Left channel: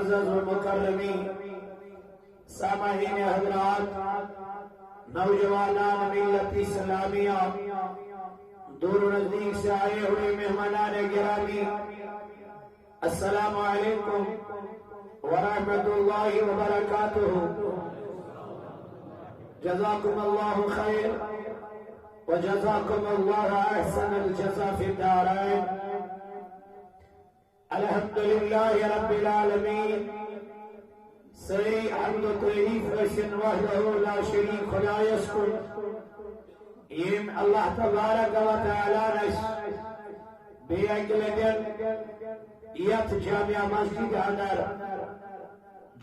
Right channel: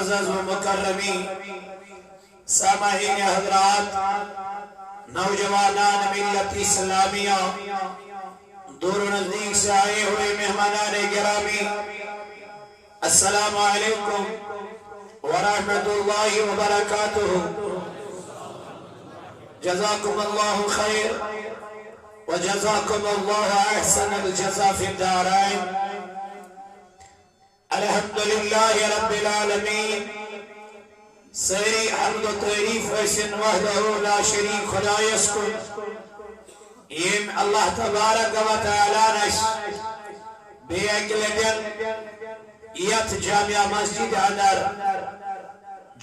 معزز و مکرمی سامعین حضرات، نوجوانان ملت اسلامیہ، دور و نزدیک سے آئے ہوئے مہمانان گرامی، السلام علیکم ورحمۃ اللہ وبرکاتہ۔ جزاکم اللہ خیر وجزاکم اللہ احسن الجزا فی الدارین۔ الحمدللہ رب العالمین، سری حمد و تعریف ایسن وحدہ لا شریک خدایس کو یم اللہ تبارک و تعالی نش بے اگلگن یت جامعہ مسجد اندر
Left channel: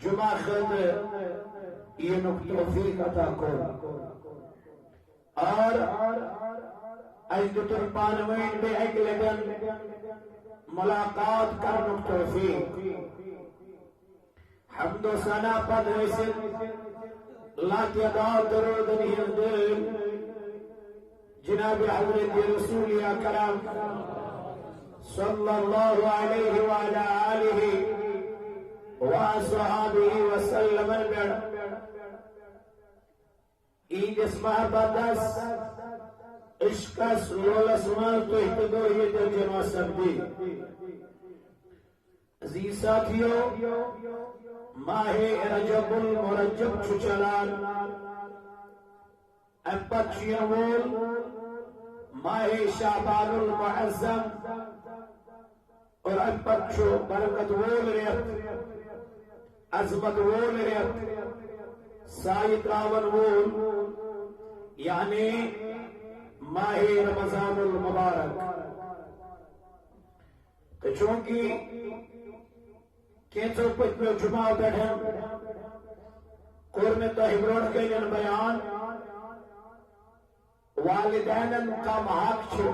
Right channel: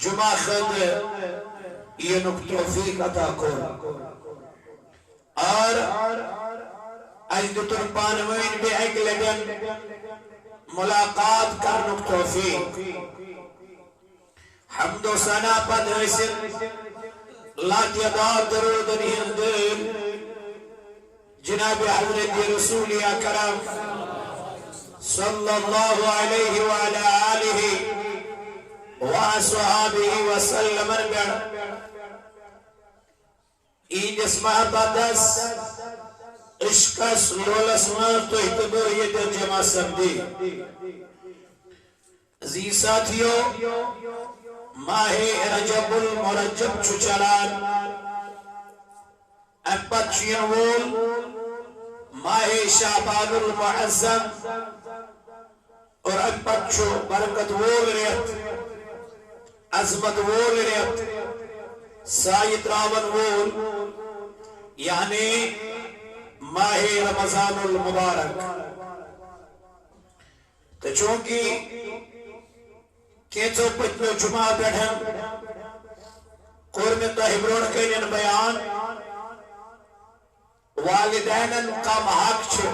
جمعہ خد اینک توفیق عطا کو اور اجدتر پانوین بے اگلگن ملاقات کرنک توفیق۔ حمد و ثنا پد حسن لاتعداد درود ہند جناب حضرت رسول اکرم صلی اللہ علیہ وعلا آلہ وصحابہ وسلم۔ این اس محبتس عشقس لولس مان تو احتبر یہ در جمع سبدی۔ عزیز ساتھیو، ماہ رجب المرجب چچلان امپت چینوول ماہ شعبان المعظم اور امپت چو برکت وول ریت عظمت وول ریت سایت راون وول یعنی ماہ رمضان المبارک۔ تو چونکہ کینچو پچھلو جمعہ بیٹھن قرم تحبرون کینن بیان والدینن کا محاق چھے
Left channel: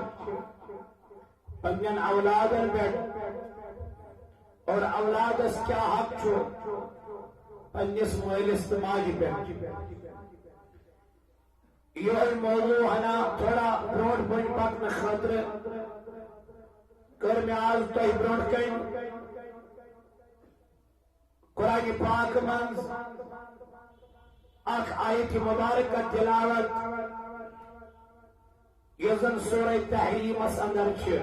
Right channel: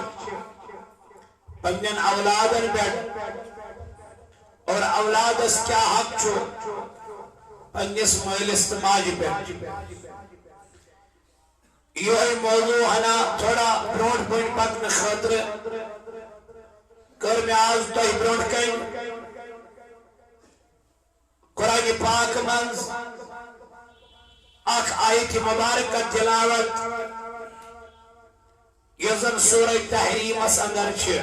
پنین اولادن بیٹھ اور اولاد اس کیا حق چھو پنیس محل استماج بیٹھ۔ یہ موضوع ہنا تھوڑا برونڈ پوائنٹ پاکن خطر قرم آز تحبرون کین قرآن پاک منز اک آیت مبارک تلاوت یزن سورہ تحریم اس اندر چھے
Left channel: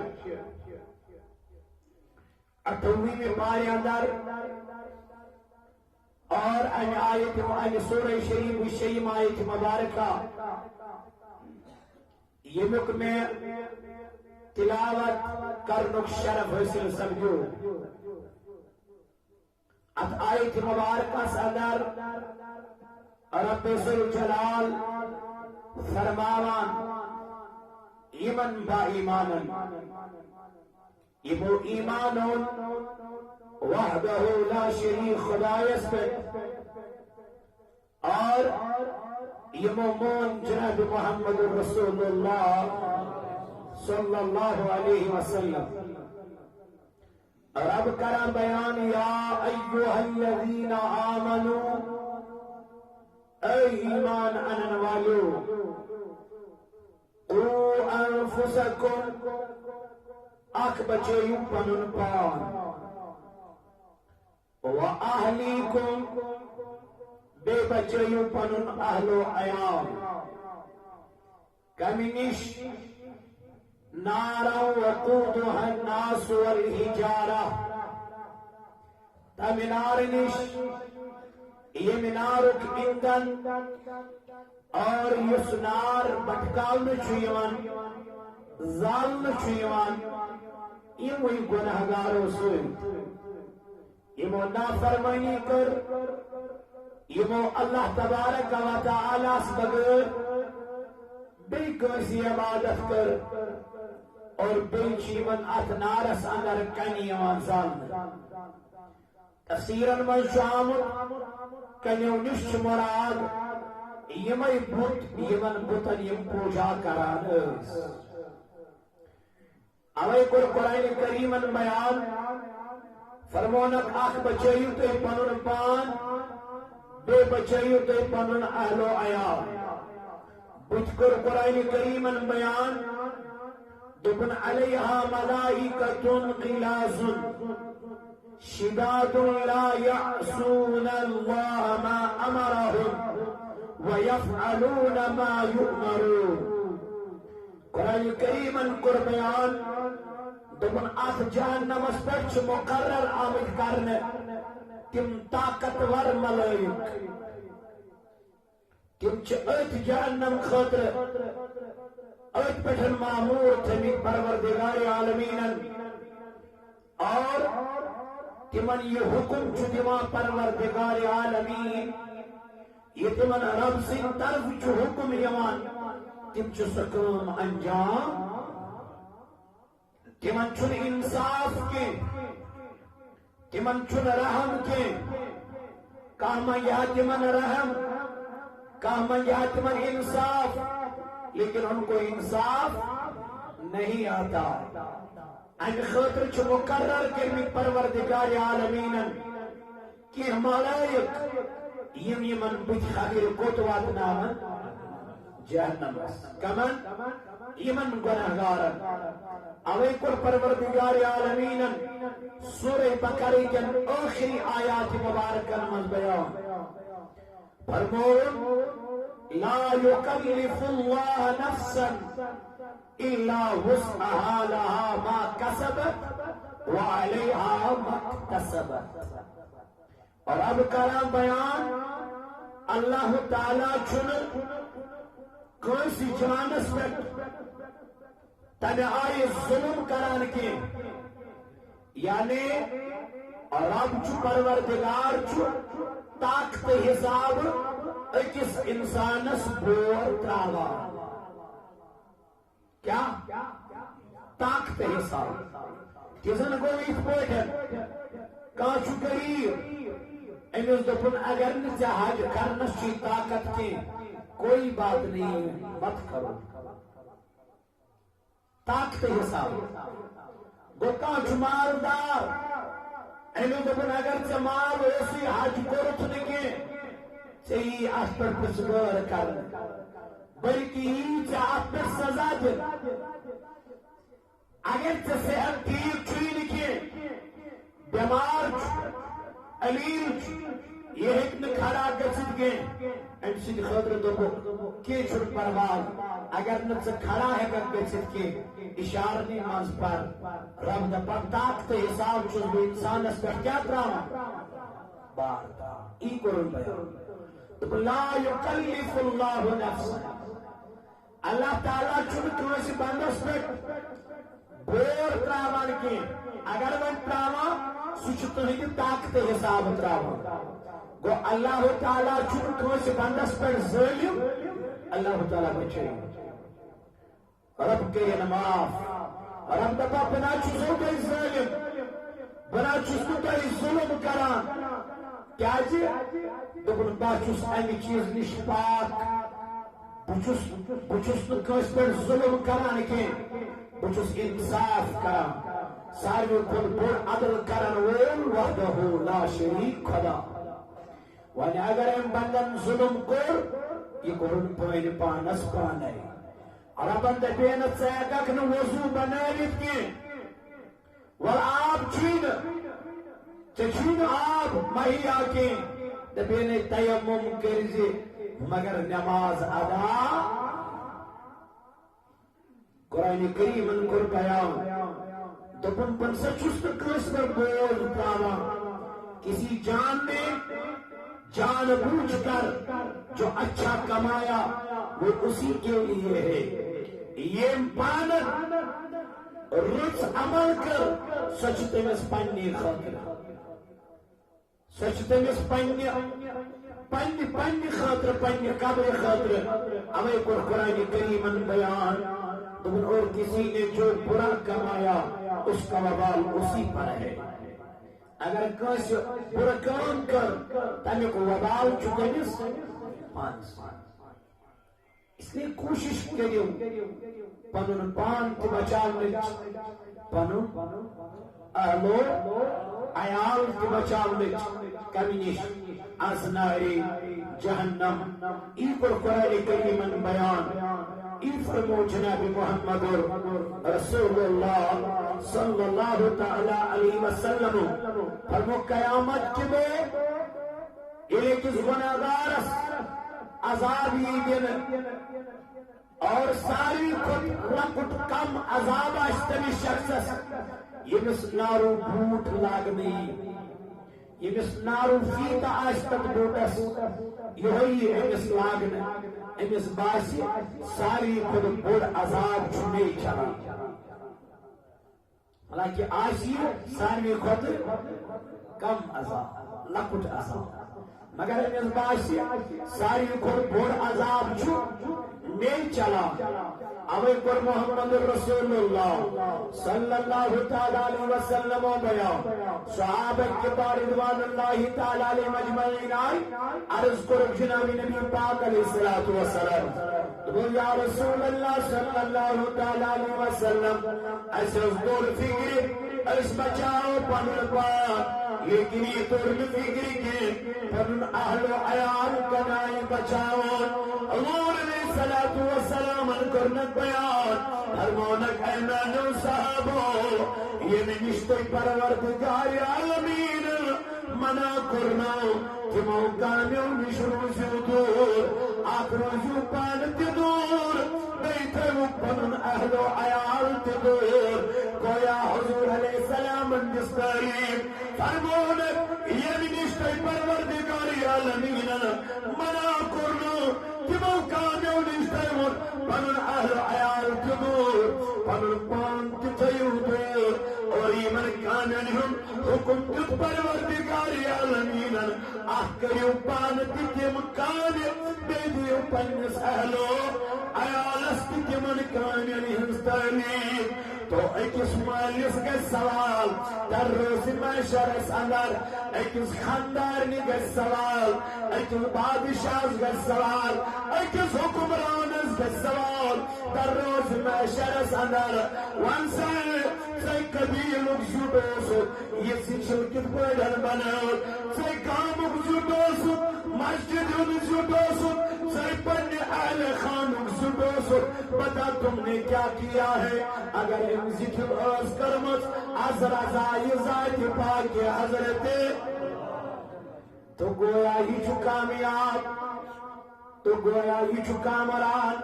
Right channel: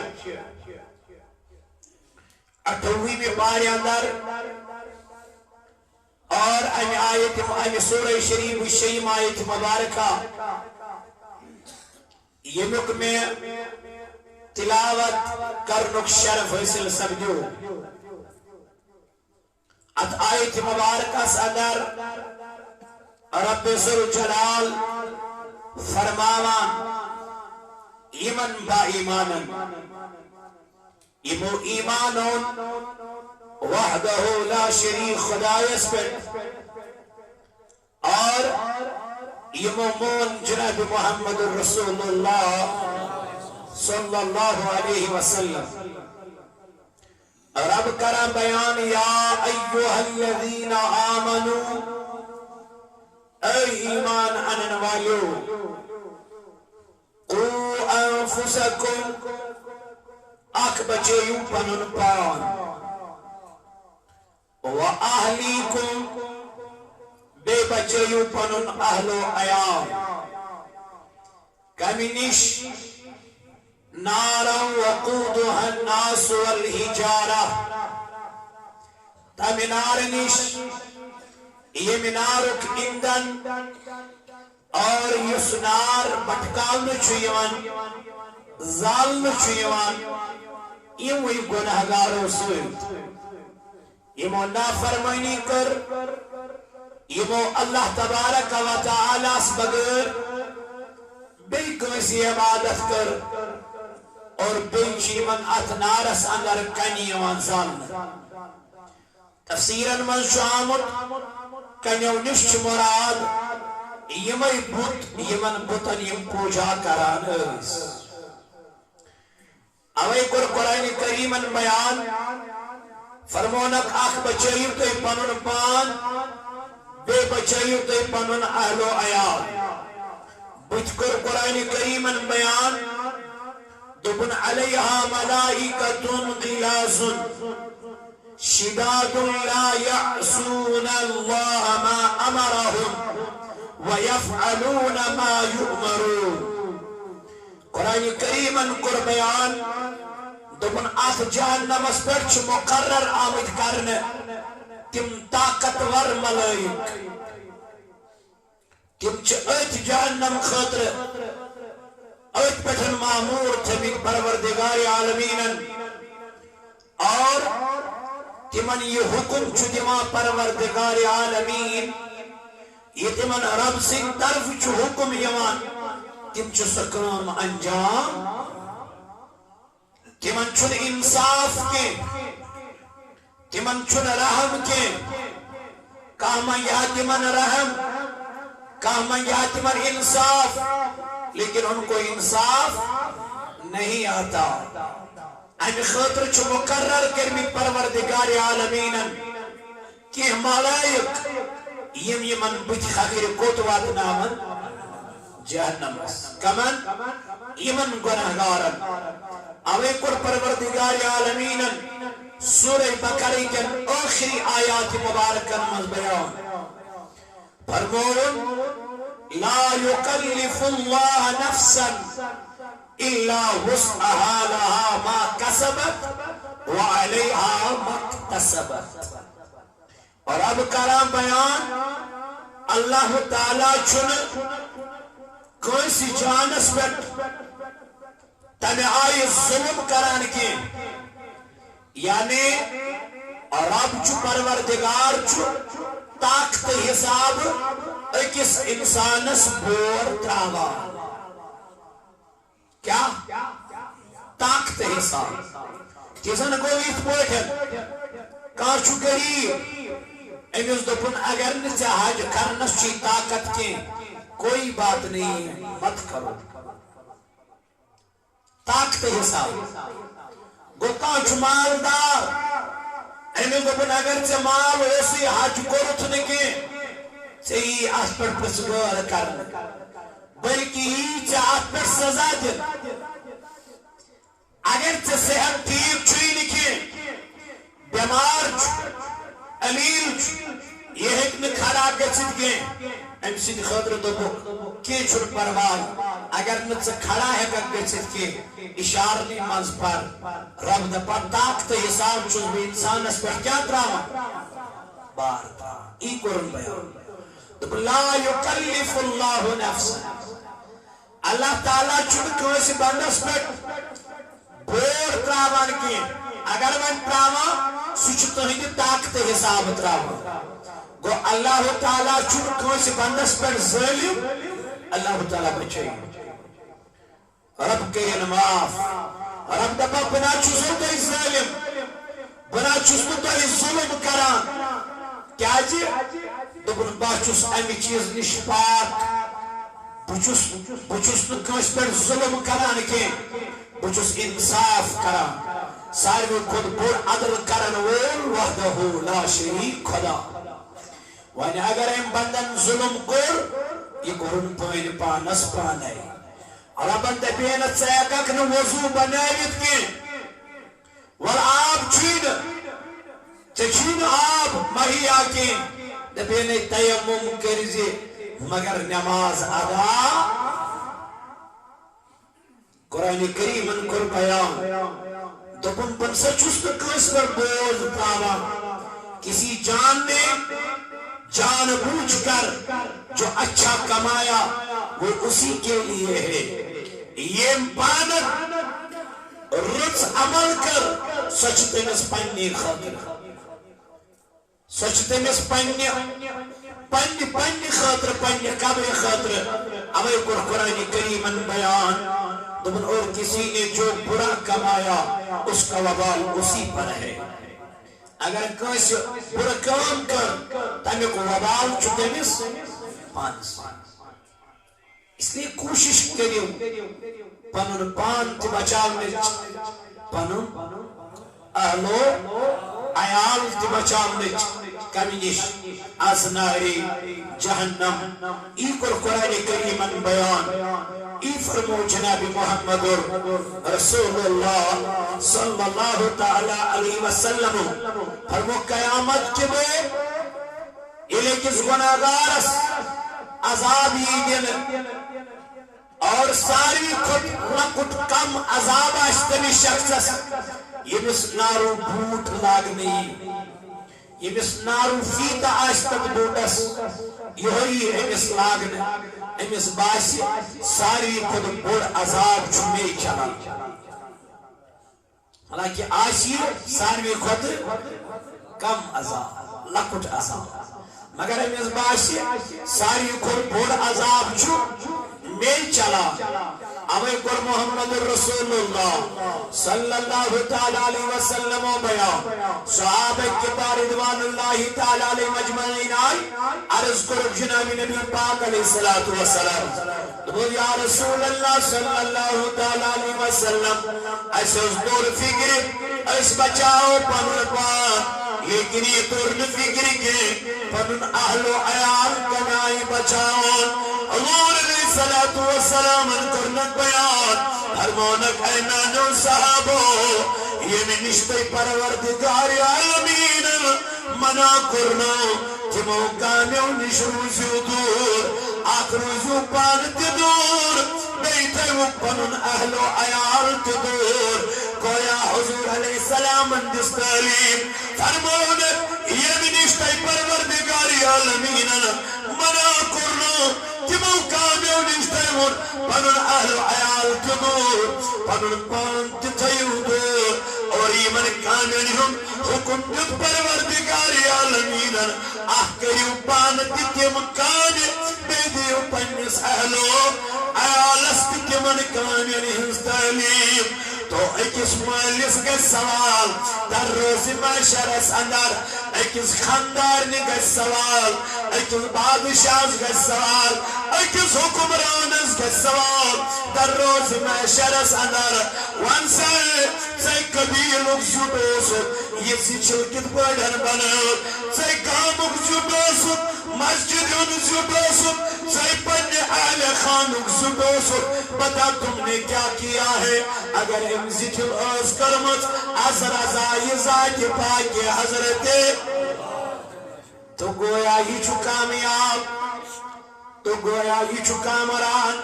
28ویں پارے اندر اور ان سورہ شریف الشیم آیت مبارکہ یہ میں تلاوت کرنک شرف حاصل سمجھو۔ ات آیت مبارکہ صدر رب ذوالجلال فرماوان ایمن با ایمانن ایمو ایمانون وحدہ لا شریک خدایس پر اور ایمو مون جناب محمد رسول اللہ صلی اللہ علیہ وسلم۔ رب کرم بیان یا ایوہ الذین آمنوا، اے ایمان انن والو، قو انفسکم، اک بچیو پنن پان، و اہلیکم، بے بچیو پنن اہل و عیال، کمینش نارا وقودها الناس والحجارہ، تا منارنش یہ منارک ایندن اور یسنار بٹکال میں چھویوان زال میں چھویوان یہ وہی گناہگاروں سوئیت یہ مو نافرمانی کر یہ مو اللہ تبارک و تعالیٰ اس بغیر بے کوئی عبادت کر اور بیچی من اتنارس اندر کنیوان ظالم۔ تفسیراً من شامت کنیو نشچ مراد یمائی بوت یمن بوتن یم پوجا کران اس اوے قرآن کریمن بیان فرمونک آخ بچائیو تے پنن پان بے بچائیو تے پنن اہل و عیال بچکر قرآن کریمن بیان دبن علیہا ملائکتن غلاظ شداد لا يعصون الله ما أمرهم ويفعلون ما يؤمرون قرآن کریم کور بیان دبن ات جہنم اس پر مقرر آمد کرنے تم طاقتور ملائک تم ات جہنم خاطر ات پٹھن معمور تھمک پروردگار عالمین اور تمن یہ حکم دیوان پروردگار عالمین یہ تمن رب سن طرف حکم یوان تم سکام انجام تمن چھن انصاف کے تمن چھن رحم کے کاما یا تمن رحم کاما یا تمن انصاف لیکن ان کو انصاف نہیں آتا ان خاطر چھ مقرر کرمی پروردگار عالمین کہ ملائک یم یمن بت خاطر کوت واتناون جہنم کمن یمن گناہگارن اوے کور پروردگار عالمین سورہ بقرہ کے آخری آیات مبارکہ میں بیان فرمون لا يكلف الله نفسا الا وسعها لها ما كسبت وعليها ما اكتسبت اور اب کلام بیان اللہ تعالی چن کوئی جانس پر تمہیں آئی ظلم کران کی یعنی رب چھ پروردگار چھ طاقت حساب اکس انسانس بور تراوا کیا طاقت حساب کسن کو ایت پوٹھن کانچو غریب امس دپن اگر نہ حج کرنس چی طاقت کی کوئی بات نہیں ہے مت کرو طاقت حساب گو کانچو مالدار امس دپن اگر چی مال اسی حج کرت نکی چی اس پر پسگار کرن بلکہ ہی چی اس پر سزا دن اگر چی صحت ٹھیک چھوئی نکی بیمار علیل یہ حکم کھڑا گچت گئے ام سید خاطر دوبو کی چھوڑ پروائی اگر نت کھڑا ہے گچت کے اشارنی منز پر رب دا پر طاقت حساب چوز بھی انسان اس پر کیا دراما بار ای قرآن بیان لا یکلف اللہ نفسا اللہ تعالیٰ چھوڑ کوئی بندس پر بور تراوان کی اگر من تراوا سوچ تہندی طاقت حساب تراوا گو اللہ تعالیٰ چھوڑ کوئی بندس پر ظالم اللہ تعالیٰ بچے رب کے معاف رب دبا بنا چوزو تو ظالم بنا چوزو تو ظلم کران کیا جی دبن باچوس امی چیز نشپاک بچوس تو کوئی پر ظلم کران کے بچوس انصاف کران ساروی خود بور عدل کرن وول وحدہ لا شریک خدا وانی اگر ام بندن ظلم کر یہ کرن پائن پانس پانے ربن دبینت سیکک نو وضو بنایت کی والآب چین چین آب مہی آکی دبینت تیمم کرزی مگر نماز ادا قرآن کریم ان کر بیان دبن پنسا چست کس پر بوز تاوا کسی جان نے جان بوجھ کر جو اچھا کمایا وہ اسی کے لیے ہے یہ پانک رچ عمل کر سچتے میں سپنی خاطر سچتے میں سپنی خاطر پنی قبر خاطر اوے قرآن کریم بیان دبن اور کسی نے جو برا کمایا اس کا وبال اسی پر ہے اگر کسی برا کام کر تمہیں کو وبال چکے مس پانس اس لیے کوشش کریو پنن پان تی بچاونے پنن اہلو عیال تی بچاونے کمینش از ناری جہنم ای قرآن کریم بیان ای فرمو جناب محمد رسول اللہ صلی اللہ تعالی علیہ وسلم فرمو قیامت کے بے الے کس گناہگارس عذاب دن اور ساری خود لکٹ کم عذاب اشتنی شخص یمس نارو بھوٹ لاگنی یمس نارو فیتا آشتک بوٹس یہی امس لاگن امس باسی ساری خود بڑ عذاب چھوڑے چلا حالانکہ آشی ساری خود کم عذاب لکٹ عذاب مگر امس باسی ساری خود بڑ عذاب چھوڑے چلا اوے کر محمد رسول اللہ صلی اللہ تعالی علیہ وسلم و بیان صحابہ کبار رضوان اللہ تعالی علیہ مجمعین آئی عرض کرو جناب نبی پاک علیہ السلام تو یا رسول اللہ صلی اللہ تعالی علیہ وسلم ایسے اس دور فکر اس بچاؤ پنن پان لیکن یہ دور فکر کے پنن اہل و عیال کنائی بچاؤ حضور علیہ السلام کرنک بیان فرمونک اینانو صحابو یہ میں نشتے پروردگار عالمین منا کرنو تمو کامیو نشروزیو دور آخروزیو پانت دور بیتے پنن اہل و عیال دور کویا حضور علیہ السلام اندس تعلیم فرمونک یہ میں نشتے پروردگار عالمین منا کرنو تمو کامیو نشتے پنن اہل عیال دور پنن پانت تیو دور اور ایمن کامیو ہم حکم دت پروردگار عالمین کریو پانت تیم کامیو بیدیو پنس اہلو عیالست تیمن کامیو ہنس تعلیم تو ایکس مالیس کا سوال در روز معاشرس اندر ایکس خاندارنی کا سوال ایکس بادشاہ کا سوال ایکس حکمرانس کا سوال در روز معاشرس اندر وانسے قبیلک زبوسو یہ سچلکت بڑھن بناو سے گامک زبوسو مسجدن زبوسو سے پنی اہل خانک زبوسو بتا تم نے کیا کیا ہے اگر امزیتل اوز کرمت از رضای ذات پاک حضرت تو گویا ہی چھو کامیاب تو گویا ہی چھو کامران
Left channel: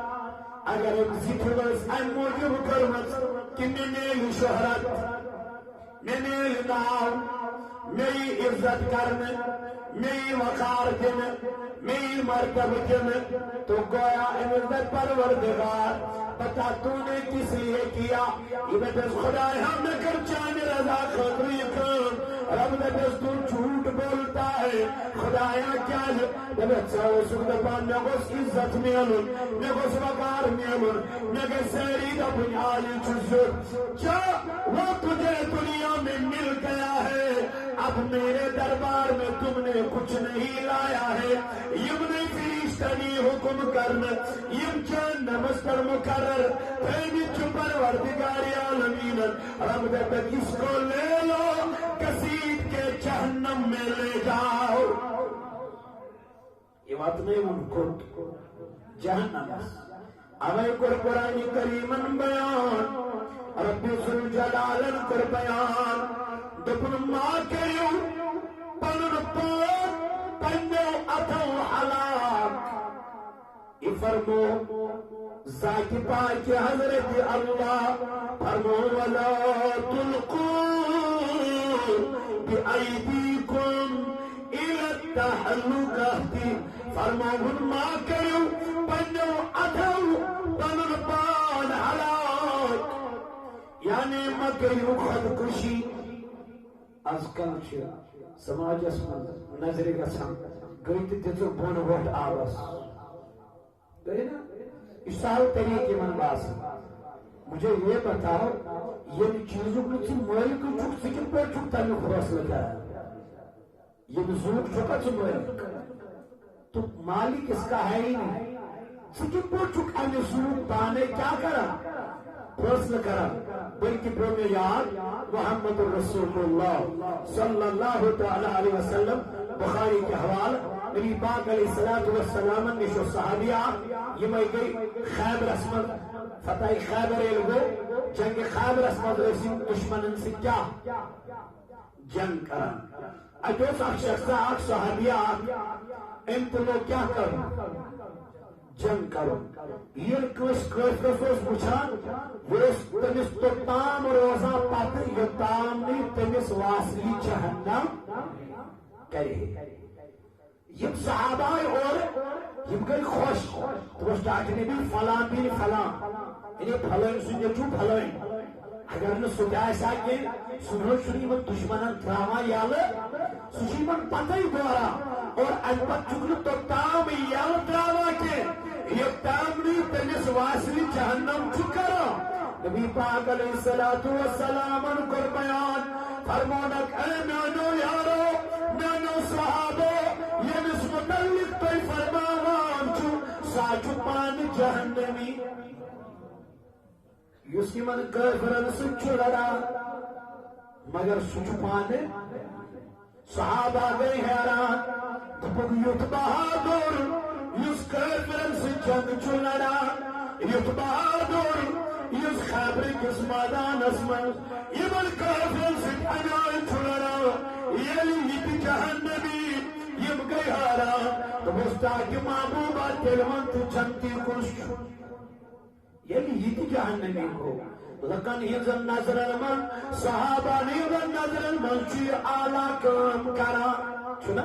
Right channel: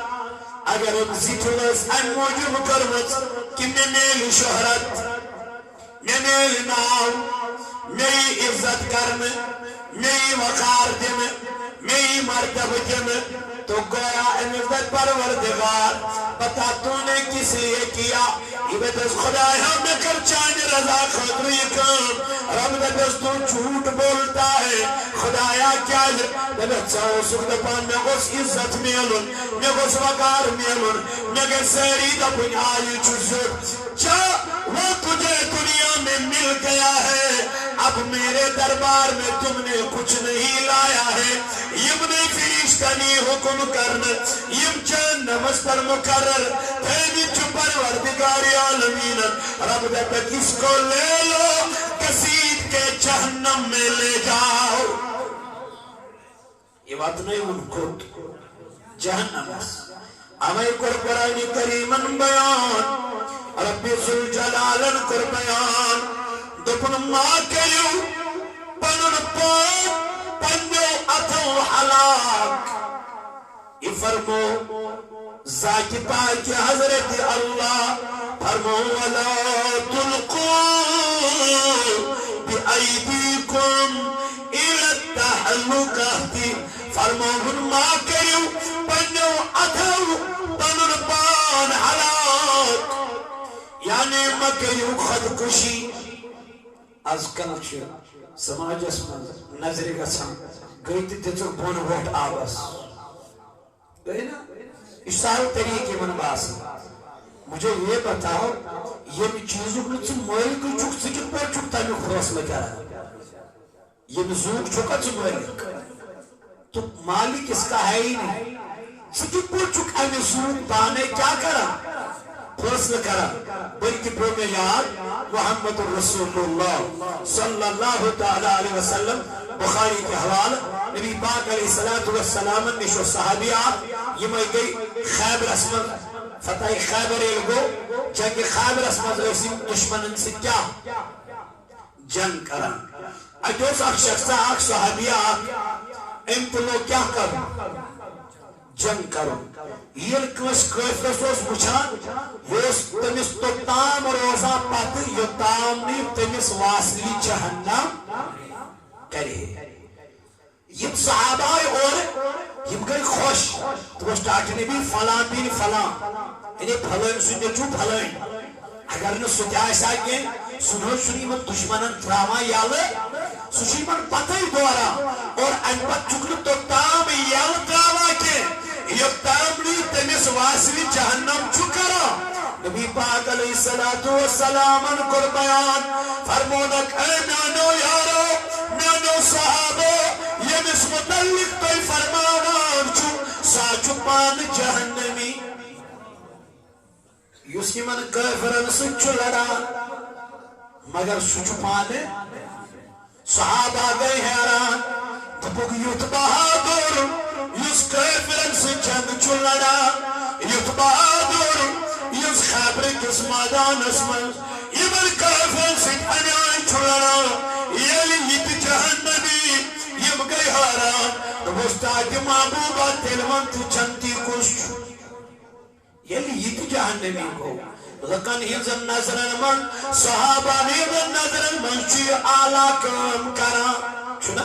اگر امزیتل اوز ان موجب کرمت کہ میں میل شہرت میں میل ناو میری عزت کرن میری وقار دن میری مرتب دن تو گویا امزت پروردگار بتا تو نے کس لیے کیا عبادت خدا ہم کر چاند رضا خاطر یہ کام رب دست تو جھوٹ بولتا ہے خدایا کیا ہے دلت ساو سکتا پان میں گوس عزت میلن میں گوس وقار میلن میں گوس سیری دا بنیائی چوزر چا وہ تجھے دنیا میں مل گیا ہے اب میرے دربار میں تم نے کچھ نہیں لایا ہے یم نے فرشتنی حکم کرنا یم چند نمس پر مقرر تیمی چپر وردگاری عالمین رب دے کس کو لے لو کسید کے جہنم میں لے جاؤ یہ بات نہیں ان کو جہنم اوے قرآن کریمن بیان ربی ذوالجلالن کر بیان دپن ما کریو پنن پاک پنجو اتو حلاک یہ فرمو ذات پاک حضرت اللہ فرمو ولا تلقوا بأیدیکم الى التحلقہ فرمو ما کریو پنجو اتو پنن پان حلاک یعنی مکریو خودکشی از کل چھے سماج اسمان نظر گسان گئی تیتر بون ووٹ آباس گئی نا اشتاہل طریقے من باس مجھے یہ بتاؤ یہ چیزوں کو چھ مالک چک سکت پر چک تامی خلاص لگا رہا یہ زوگ چکا چھ مالک تو مالک اس کا ہے ہی نہیں سکت پر چک امی زوگ پانے کیا کرا فیصلہ کرا بلکہ پرومی یاد محمد رسول اللہ صلی اللہ تعالی علیہ وسلم بخاری کے حوال نبی پاک علیہ السلام نشو صحابیہ یہ میں گئی خیبر اسمد فتح خیبر ایلگو جنگ خیبر اسمد اسم دشمنن سے کیا جنگ کرن اجوز اک شخصا اک صحابیہ امتلو کیا کر جنگ کرو یہ کس کافرس اس بچان یہ تمس توتام روزہ پت یوتام نی تمس واصلی جہنم کرے یم صحابہ اور یم گئی خوش تو سٹارٹ نبی فلان بین فلان انہیں پھلائن سنجو پھلائن اگر نہ سجائے ساکیں سنو سنی من دشمنن تراما یالے سوچی من پتہ ہی دورا اور انپت چکل تو تام یال تراما کے یہ تامنی تنس واصلی جہنم چکرا نبی پاک علیہ السلام کو بیان فرمونک اے نانو یارو نانو صحابو یہ مس متعلق تو فرماوان چھو ساچو پان جہنمی یوسی من کافرن سچو لڑا مگر سچو پانے صحابہ گئے حیران تپک یوت بہادر یس کافرن سے جنگ چو لڑا یوت بہادر یس خیبر کس میدان اسمن یمن کافرن سے انیائی چو لڑا یلی یت جہنمی یم گئے حیران تپستا کہ محبوبہ تلمن تو چنتی کش یلی یت جہنمی کو لکن ہنزن نظرن من صحابہ ہنزن نظرن من چی آلہ کام کرا چھنا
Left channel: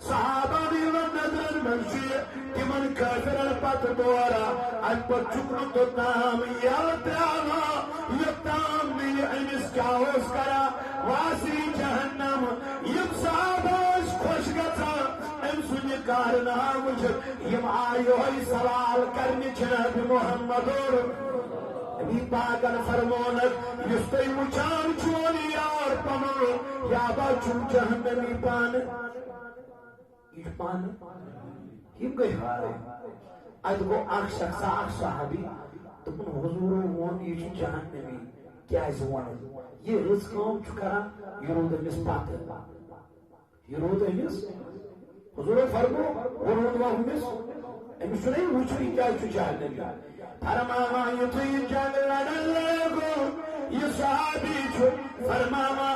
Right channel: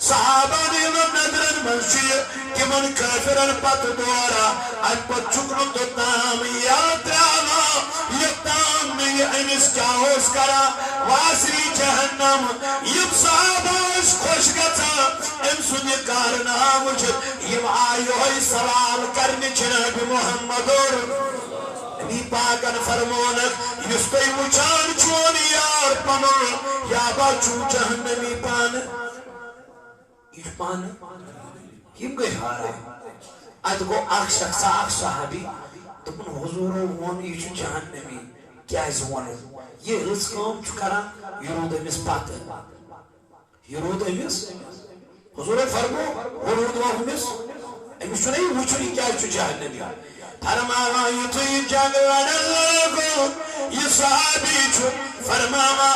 صحابہ ہنزن نظرن من چی کہ من کافرن پت دورا ان پت چکن تو تام یاد راما یہ تام میں انس چاہوز کرا واسری جہنم یم صحابہ اس خوش گتا ام سنی کارنام جب یم آئیوئی سوال کرنی جناب محمد اور نبی پاکن فرمونک یس کوئی مچان چونی یار پنو یا با چون جہنمی پان یہ پان یم گئی ہارے اد کو اخ شخص اخ صحابی تپن حضور وون یہ چون جہنمی کیا ہے زوانے یہ رزقام چکرا یہ رود امس پات یہ رود امس حضور فرمو وہ رود امس امس چونی وچنی کیا ہے چون جہنمی فرماما یہ تو یہ جنگ لڑن لگو یہ صحابی چھو فرماما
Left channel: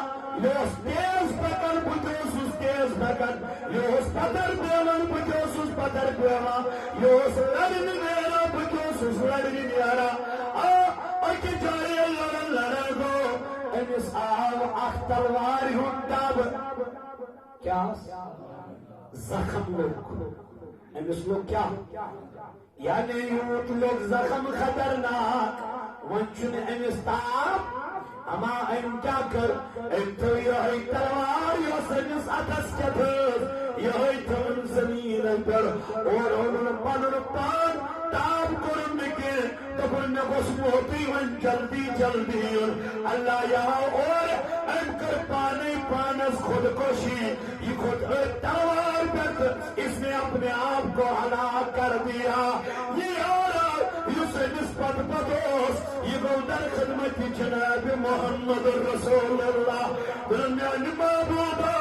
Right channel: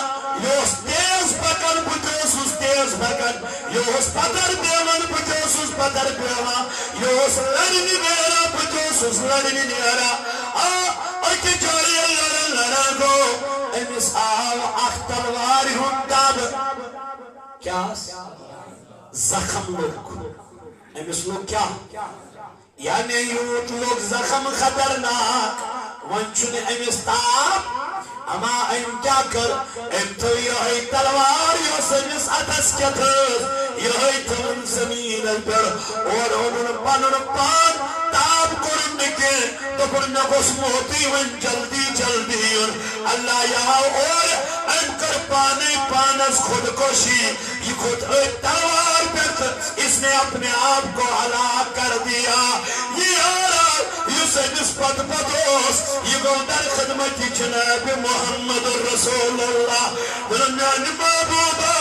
یہ اس تیز پکن بجوس تیز پکن یہ اس پتر بیون بجوس پتر بیون یہ اس لڑن نیرا بجوس لڑن نیرا اکی جاری لڑن لڑگو امس آو اخ تلواری ہن تاب کیا زخم لوگ امس لوگ کیا یعنی یوت لوگ زخم خطرناک ونچن امس تاب اما ام کیا کر ام تو یہ تلوار یہ سمس اتس کتر یہ تن زمین پر اور انہوں پانن پان تاب کرن کے تو کرن گوس موتی ون جلدی جلدی اللہ یہاں اور ان کر پانے پانس خودکشی یہ خود تلوار پر اس نے اپنے آپ کو ہلاک کر دیا یہ نسبت بدوس یہ گو در خدمت جناب محمد رسول اللہ درمیان محبوبہ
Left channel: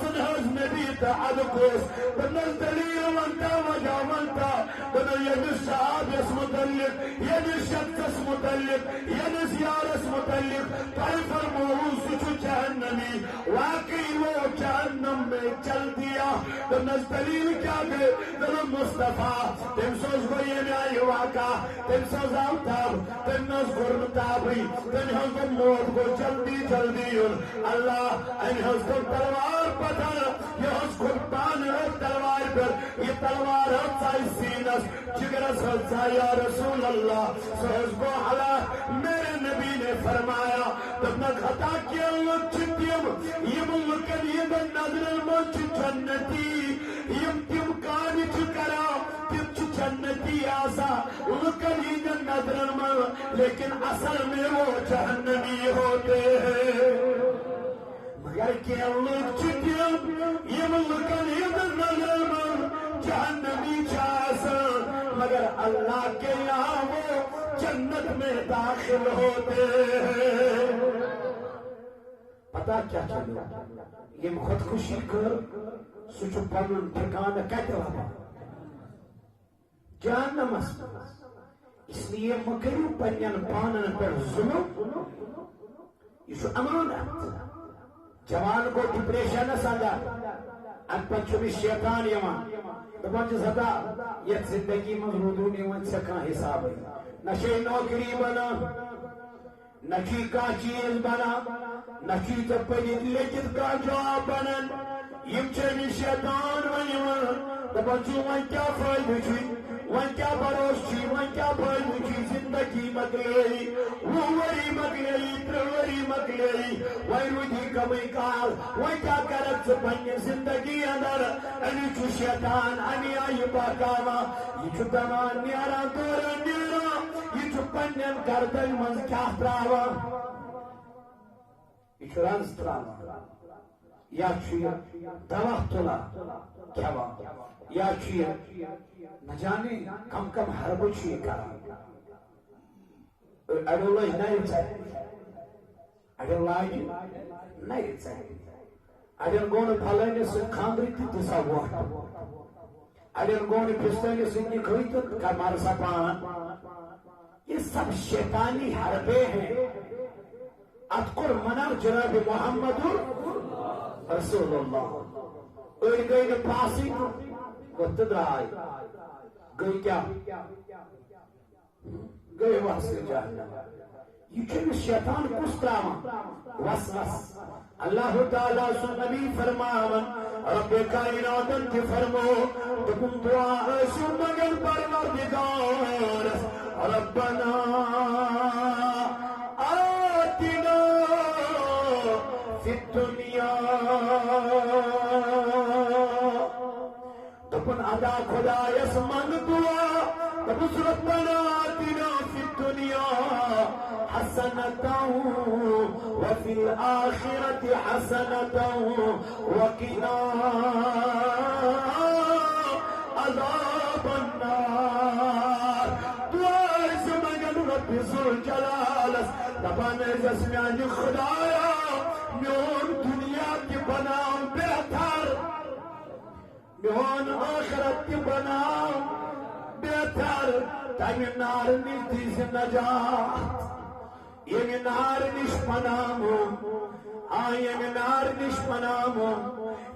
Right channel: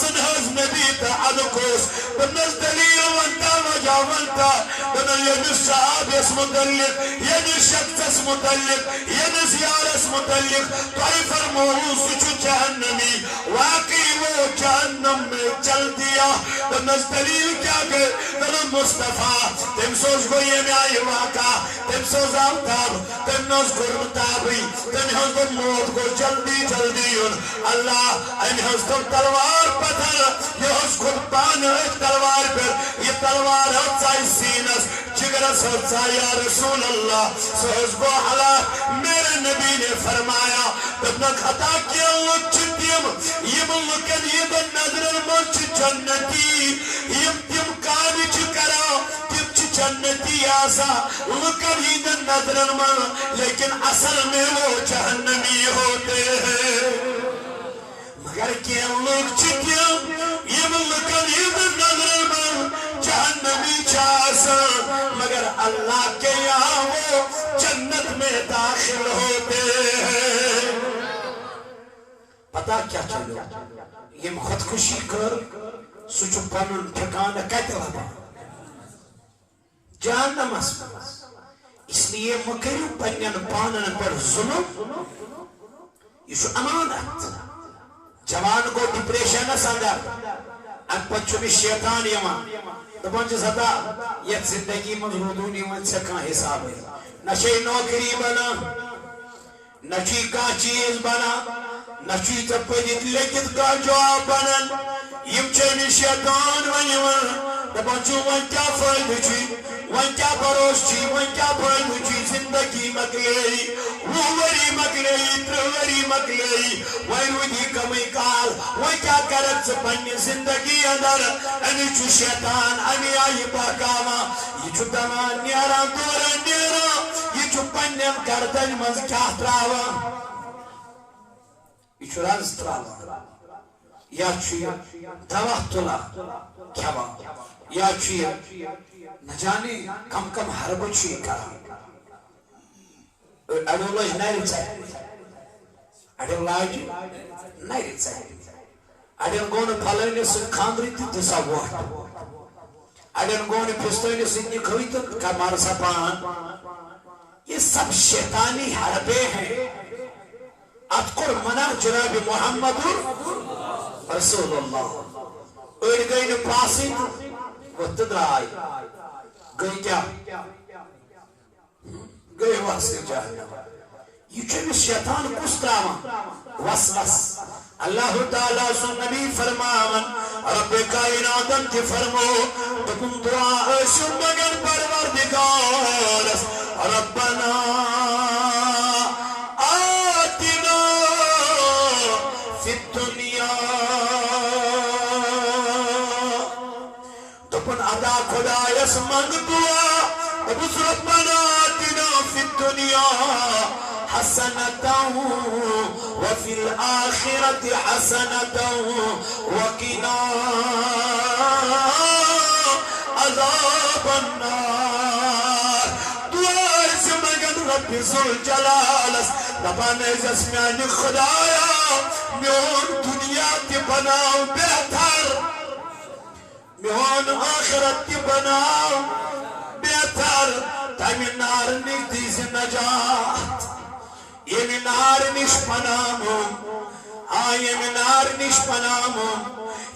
سنہز نبی تعلقوس بنز دلیل وانتا وجہ وانتا بنا ینس صحاب اس متعلق ینس شخص اس متعلق ینس یار اس متعلق توئی فرموہو سچو جہنمی واقعی وہ جہنم میں چل دیا بنز دلیل کیا گئے بنا مصطفیٰ تم سوچ گو یہ میں آئی واقع تم سوز آمتاب تم نوز گرم تابی تم ہنز کو موت کو جلدی جلدی اللہ ان ہنز کو تلوار پتھر یہ ہنز کو پان ایک تلوار پر یہ تلوار ہنزائی سینس جگرس ہنزائی یا رسول اللہ سوز کو حلا میرے نبی نے فرمایا تبنا خطا کیا لوگ چندیم یہ ملکن یہ دن نظر المنچ جنتی یہ تم کانی چکرا جنتی آسا لکن ہی دن نظرن من لیکن اصل میں وہ جہنمی ہوتے ہیں مگر کیا لوگ چکیم یہ لکن ہی دن نظرن من جہنمی چاسا مگر اللہ کے یہاں وہ جنت میں داخل ہوتے ہیں پتہ کیا چلو یہ خودکشی کر سچ پنن ٹھکانہ کت لبان جہنمس اس لیے مکریو پنن پانن پر ظلم یہ امانت جوان کو ڈپریشنس اندر ام پہ شیطان یوان دپان ہتا یت زندگی من رودون یوان ژے کانٛہہ حساب نہ چھ نوکری بنا نہ چھ کانٛہہ چیز بنا نہ چھ ژے پٔرِتھ لیکھِتھ کانٛہہ جاب بنان یم چھ شیطان ون دپان چھ وۄنۍ کیٛاہ فٲیدٕ چھی وۄنۍ کیٛاہ بروس چھی وۄنۍ کیٛاہ فٲیدٕ چھی زندگی مکلیی 20 ؤری مکلیی 30 ؤری مکلیی وۄنۍ روٗدی کمٕے کال وۄنۍ کیٛاہ کرکھ ژٕ پننہِ زندگی اندر امی چھ شیطان امی آیہِ بہکاوان یہ چھ دمان نیران دوران نیران یہ چھ پننٮ۪ن گردن منٛز کیٛاہ تراوان یہ چھ رز تراوان یا چھ دوا تُلان کھیوان یا چھ نہ جانے کم کم حربہ چھ یہ کران اڑو لج نرِ ژرِ اڑو لاج نرِ ژرِ اڑین گو نہٕ پھلٲنِس سۭتۍ خاندرٕے تہِ دِ سا ووٹ اڑین گو نہٕ پھِستٲنِس سۭتۍ نِکھٕے تہٕ کر مار سا پان یہ سب شیطانی حربے ہیں اذکر منع جناب محمد رسول اللہ اڑ گئی نہ پاسٕے تہٕ وۄتھ تہٕ درٛاے گئی کیا گئی واسطے جہنم یہ چھ شیطان کس تراوان وسوس اللہ تعالیٰ سن نبی فرماون رب کائناتن تہ فرمو تکم دعا ٲسِو مگر پروردگارس ربنا آتنا فی الدنیا دپن ادا خدایس منگ دعا دپس ربنا آتنا فی الدنیا حسنة وفي الآخرة حسنة وقنا عذاب النار دعا سے مگن رب ذوالجلالس دپان ازس میانی خدایا میون دنیا تی بناو بہتر میون آخرت تی بناو بہتر تامی نار نگدیز نجات یہ نار نش پنامو یہ نار نش پنامو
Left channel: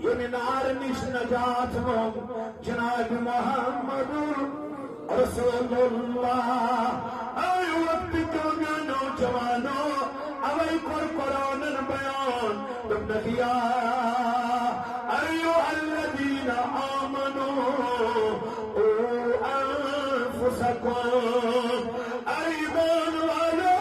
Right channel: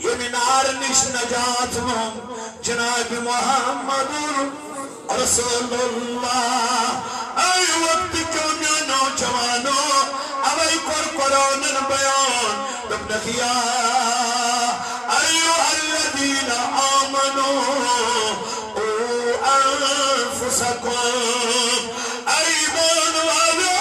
یہ نار نش نجات مو جناب محمد رسول اللہ اے وقت کیوں نوجوانو اوے قرآن بیان تم نخیا ایوہ الذین آمنوا انفسکم ایمان والا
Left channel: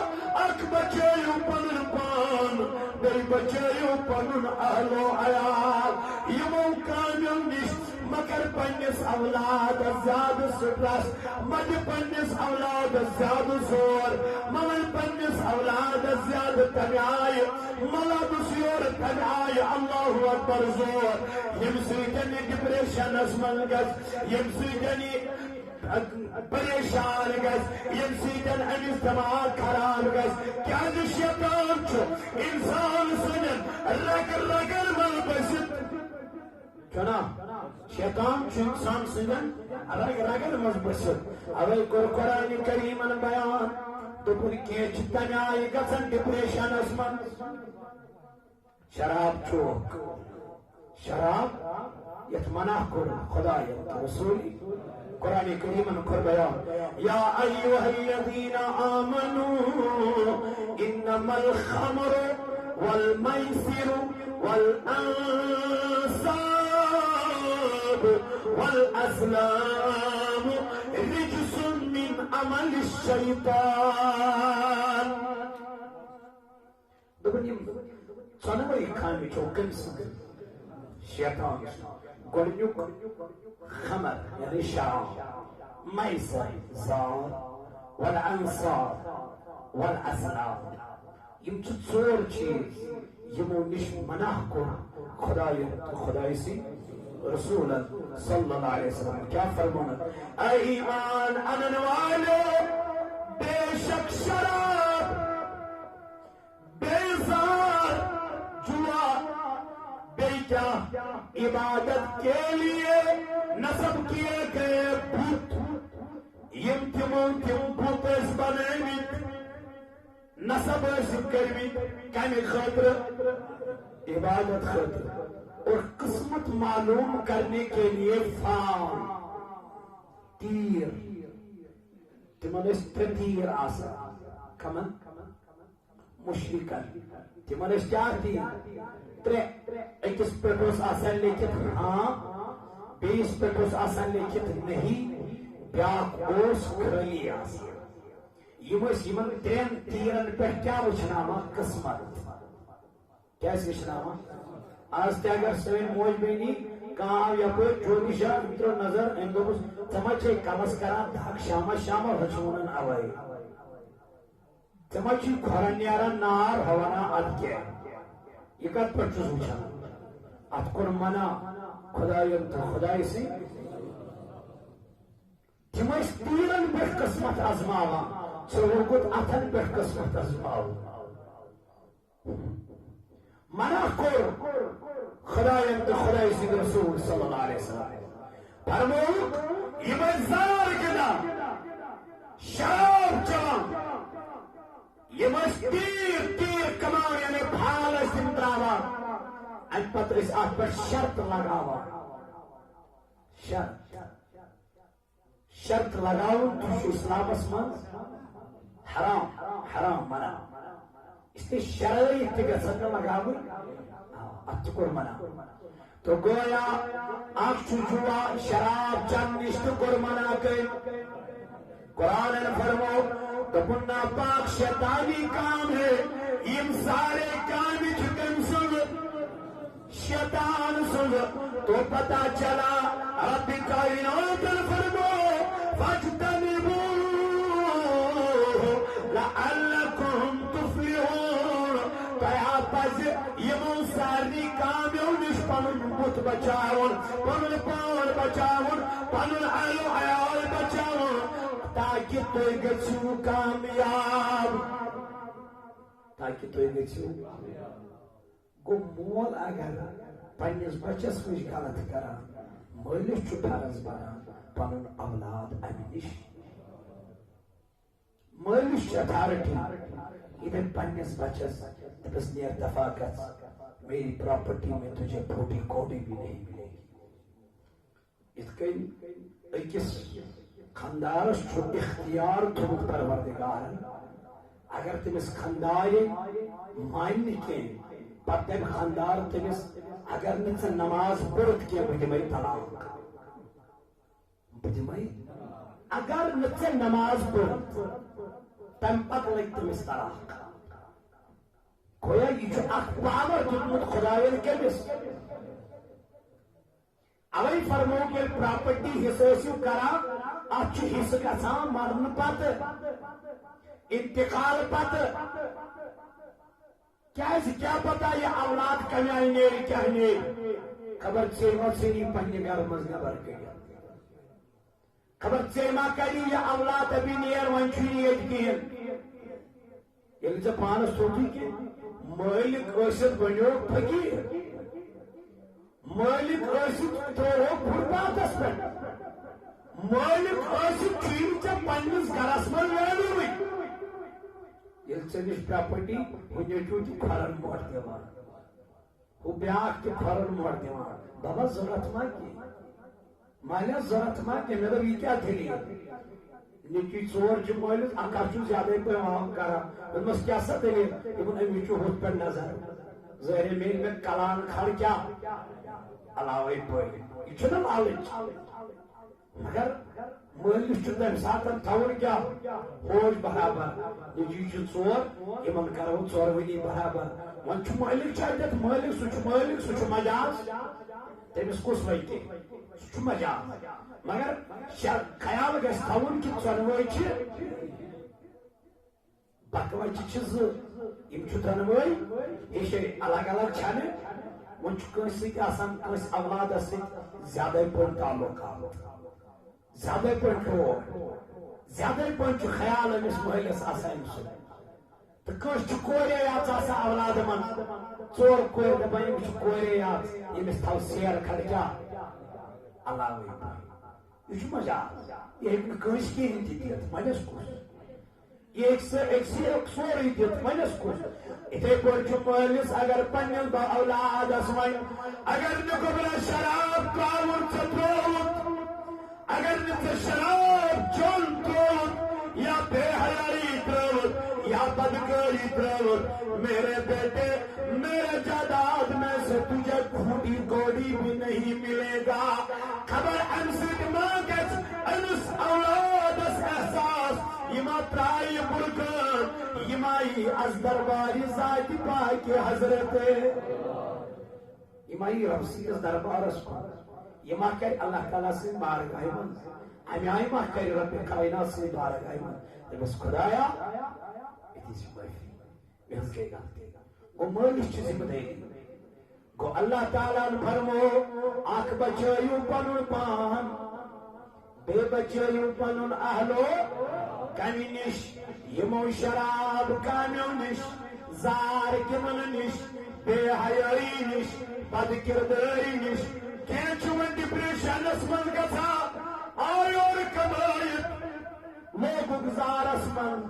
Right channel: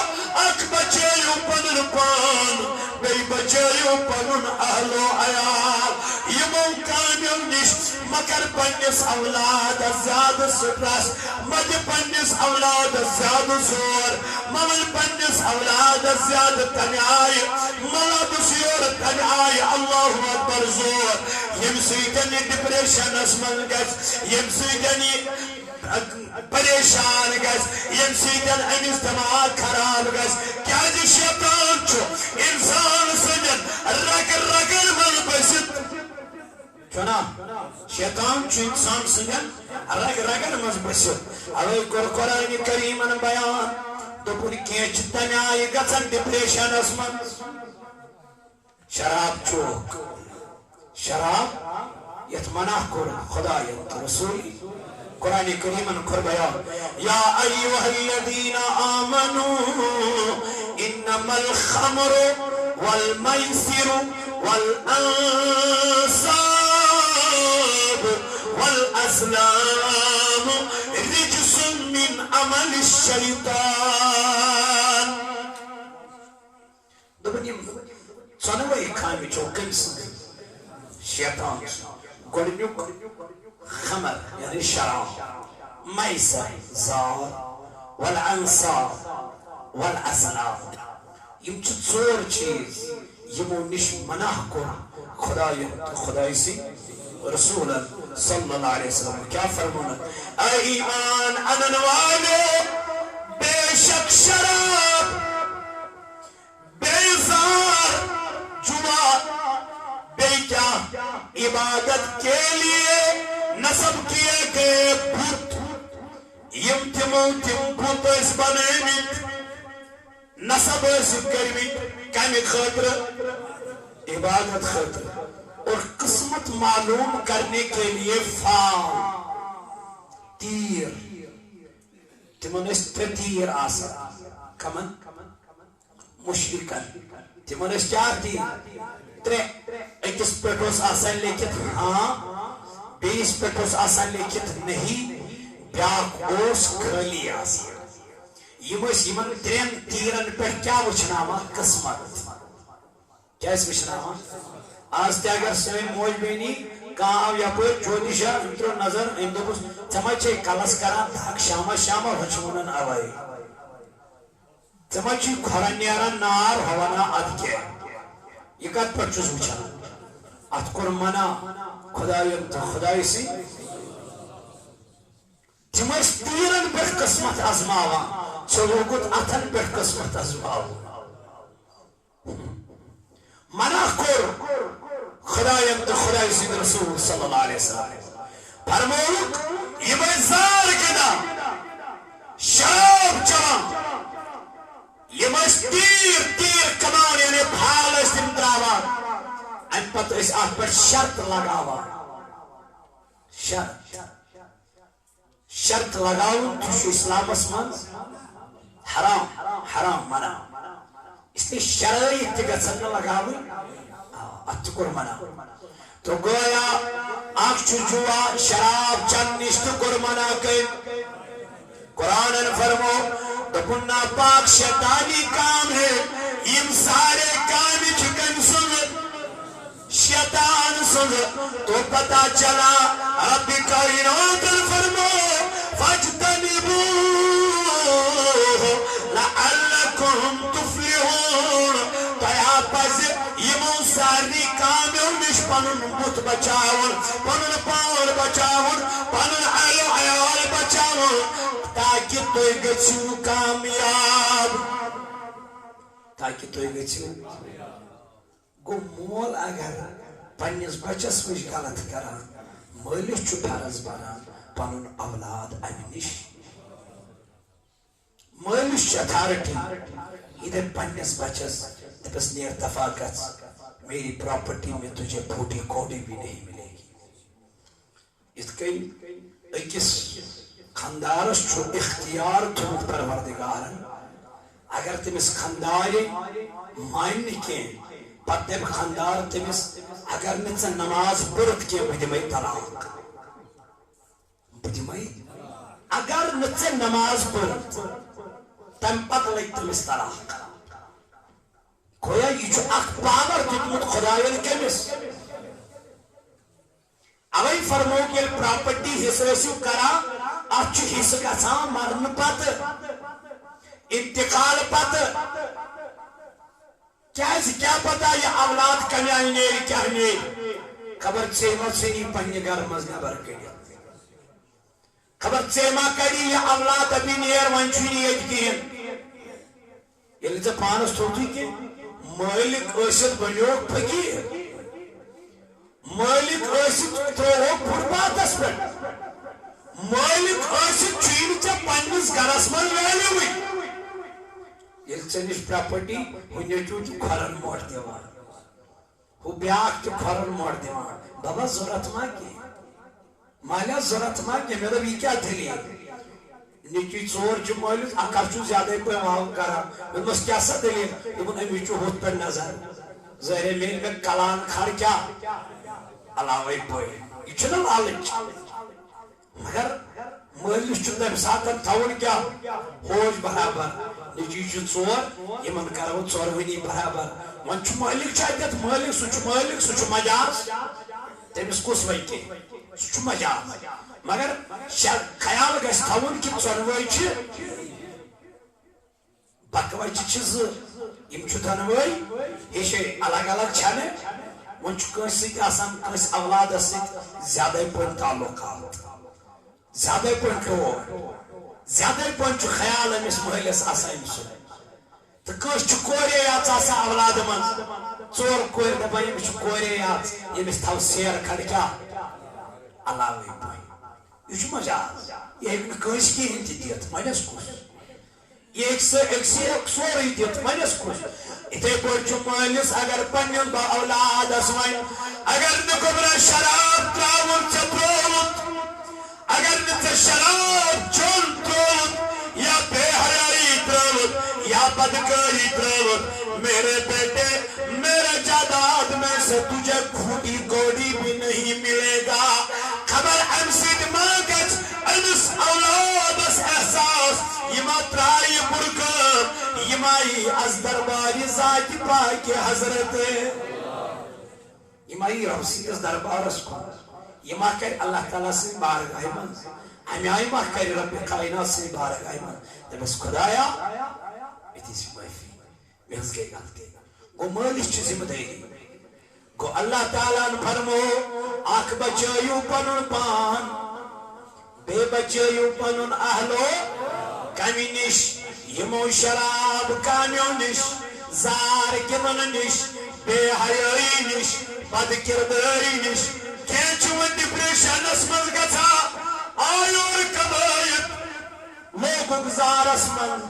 اک بچیو پنن پان بی بچیو پنن اہل و عیال یمو کامیو نش مگر پنس اولاد زیاد سٹرس مد پنس اولاد زیاد زور ممل پنس اولاد زیاد تنیائی ملد سیور تنیائی اللہ اکبر زور یم سیدنی ڈپریشن اسمن گز یم سیدنی پریشان گز یم سیدن امس دماغ خراب گز کیا جی شیطان چھو انسان سنن رگر رگر من بسط چنا شیطان چھو انسان سنن رگر رگر من بسط اوے قرآن کریم بیان دپن کیچ تنیائی گزن ڈپریشن اسمن شراب چوک شراب یت منع کر خدا یت رسولی قرآن کریم کر بیان یا ایوہ الذین آمنوا انما الخمر والمیسر والانصاب والازلام رجس من عمل الشیطان دبنیم سنوئی کامی چوکن سن شیطان گوڑنیوک خمر یعنی شراب میسر زار والانصاب والاسلام یم چھ ژور چیز یمو نش منع کر خدای سی رسول صلی اللہ علیہ وسلم کیا فرمانا اے ایمان انن والے بے شک شراب بے زار جوا بے کیا عبادت کے لیے نصب کیے گئے بت یم تمو تم بت بنامت نصب کرمت کمی خاطر عبادت خاطر اور قسمت معلوم کرنے کے لیے فال تیر تمن تیر آسا کمن مشرکن تمن کیا تیر ترے اکس پیٹوس آسان لیکت ہاں بیس پیٹوس آسان لیکت نہیں بیاک اوس خالی آسان یمن ترین تیرن پر کیا وچھناما قسمت کیا اس وچھناما آج تے اگر سوین موج بینی کہاں آو یا پر جوتیشا انترو نظر اندوبس چمچے کلس کران دھاک شاما شاما رچونن آوائی چمچے کھورن نیارن نار ہوانا اد کے یہ کت پر چوز وچھانا ات کر منا خدای سی تمس تیرن پر قسمت ازماوا چلو گت اتن پر قسمت ازماوا منع کر خدای سید رسول صلی اللہ علیہ وسلم فرموک یہ بزار کنا شراب چان یہ بس تیر کمان یعنی بھال اس دن دراوا ان پتر اس آت پر شرط لگاوا شرط لگاو تشو اسلام اسمان حرام منع اس لیے شرائط گژھن لگاو اتکر منا تو گویا آنکھ چوچوا شراب چن نشت کر منا کر قرآن فرمو دپنا پاک شیطانی کام ہے یم سارے کام چکن سن شیطان سن تو پتا چلا رب کائنات فرمو فاجتنبو لعلکم تفلحون تیا پز یمو ساری کامیو نش پنن بت بچاون پنن پان بچاون پنن اہل و عیال بچاون تاکہ توی گچھو کامیاب تاکہ توی گچھو گو مول اگر پنیس بچس وش غلط کران مالس چھ فرض بنان پنن اولاد امہ نش مالس چھ اتھارٹی ادھر پنیس بچس دپس نیر دفاع گژھ میری پراپرٹی میں تجھے پھوٹی کوڑی بھی نہیں ملے گی اس کئی اکس خاندارس چھو اختیار تھوت پروردگارن اگر تمس خاندار مان کی پتہ خاندار تمس اگر نہ نماز پڑھ کی بدمئی طلاق بدمئی اگر نہ نماز پڑھ تم پتہ لگ تمس طلاق گویا یہ اخ پاور دیتمت خدایان کمس اوے فرمو کہ پراپرٹی حصہ کران اتھ حصہ گژھان مرن پتہ انتقال پتہ کیا پتہ یہ اولاد کمی آئی نیری کیا نیری خبر چیما چینی پنی گھر مز نبر کڑی خبر چیما کڑی یہ اولاد ابھی نیر ونچونی ایت کین یلی ژے پانس تھوتھی کہ مالک ٲسِتھ بنیوک فقیر مالک ٲسِتھ ترووک فُٹپاتھس پٮ۪ٹھ مالک ٲسِتھ چھُی نہٕ ژےٚ پننِس گرس منٛز ویلیوٕے ییٚلہِ ژےٚ نِش پراپرٹی ہُہ نیٚچوٗ تہِ کھۄرن موٹ دِوان ہُہ بیٛاکھ تہِ کھۄرن موٹ دِوان بابا ضروٗرت ما کینٛہہ مالیہ ضروٗرت ما کینٛہہ مےٚ دوٚپ یہِ کیٛاہ دٔلیٖل نیچی ژور چھ مالس اکر چھ زیادہ پیوان کران دوپمس کیا سا دلیل دوپن امی چھ ہتھ پہ نظر ظاہر میل میں کلان کھڑ کیا علاوے پہ یہ چھ نا لالچ مگر مالس چھ تمہ ساتن تھون کیا ہوش برابر نیچی چھ ژور یمن کرو ژورونی برابر ون چھ مالک چھ اتت مالک سہ چھ مجاز تمس کس ویتی سہ چھ مجاز مگر خیال گژھِ تھاوُن کہ ژۄنوے چھ بکوے چھ زٕ یم چھ دۄنوے یہ چھ الگ الگ چھنہ ون چھ کٲنٛسہِ سۭتۍ آسان کٲنٛسہِ اولادس سۭتۍ زیادے پٲٹھۍ تعلقات زیادے پٲٹھۍ پیور زیادے پٲٹھۍ چھ خیال أمِس مٲلِس آسان أمۍ سُنٛد تو کس کورے یات آسا اولاد من ژور کور دپان یمس کورے یات یمس تھو سیر کھڑ کیا اللہ یہ مجاز یہ ہیکہ کنس کہین تہ دِتھ ونس کس یہ سورے دِتھ ونس کس اتھے پٲٹھۍ مٲلِس اگر پننس با اولادس ون اگر نبرا شراب تراون ژے ترووُت اگر ژے شراب چون ترووُت یا بے حیائی ترووُت یا بدکاری ترووُت میرے بیٹے میرے جائیداد میں سے تجھے کھوٹی کوڑی بھی نہیں ملے گا خبر ام سۭتۍ ما گژھِ أمِس اولادس احساس یہ ما ترایہِ بُرٕ کٲم یہ ما یی از دربارِ ذاتِ پاکِ حضرت یہ ما یی رب سٕنٛدِس دربارس کُن یہ ما کر اللہ تعالیٰ سٕنٛدِ بارگاہہِ منٛز امہِ آیہِ ما کر رب کائنات سٕنٛدِ بارگاہہِ منٛز دپس خدایا مےٚ دِژ معٲفی مےٚ حظ گٔے غلطی گو مٲلِس چھِ ذمہٕ دٲری گو اللہ تعالیٰ فرمو اکھ بچٲیِو پنُن پان بیٚیہِ بچٲیِو پنُن اہلو کمہِ نِش یِمو شراب کامیو نِش زار گِنٛدُن نِش بے حیٲیی نِش بد کردٲری نِش کینٛہہ چھُ وۄنۍ ڈپریشنس منٛز گژھان آو یورٕ کمٲیِتھ لوگُکھ زارس منٛز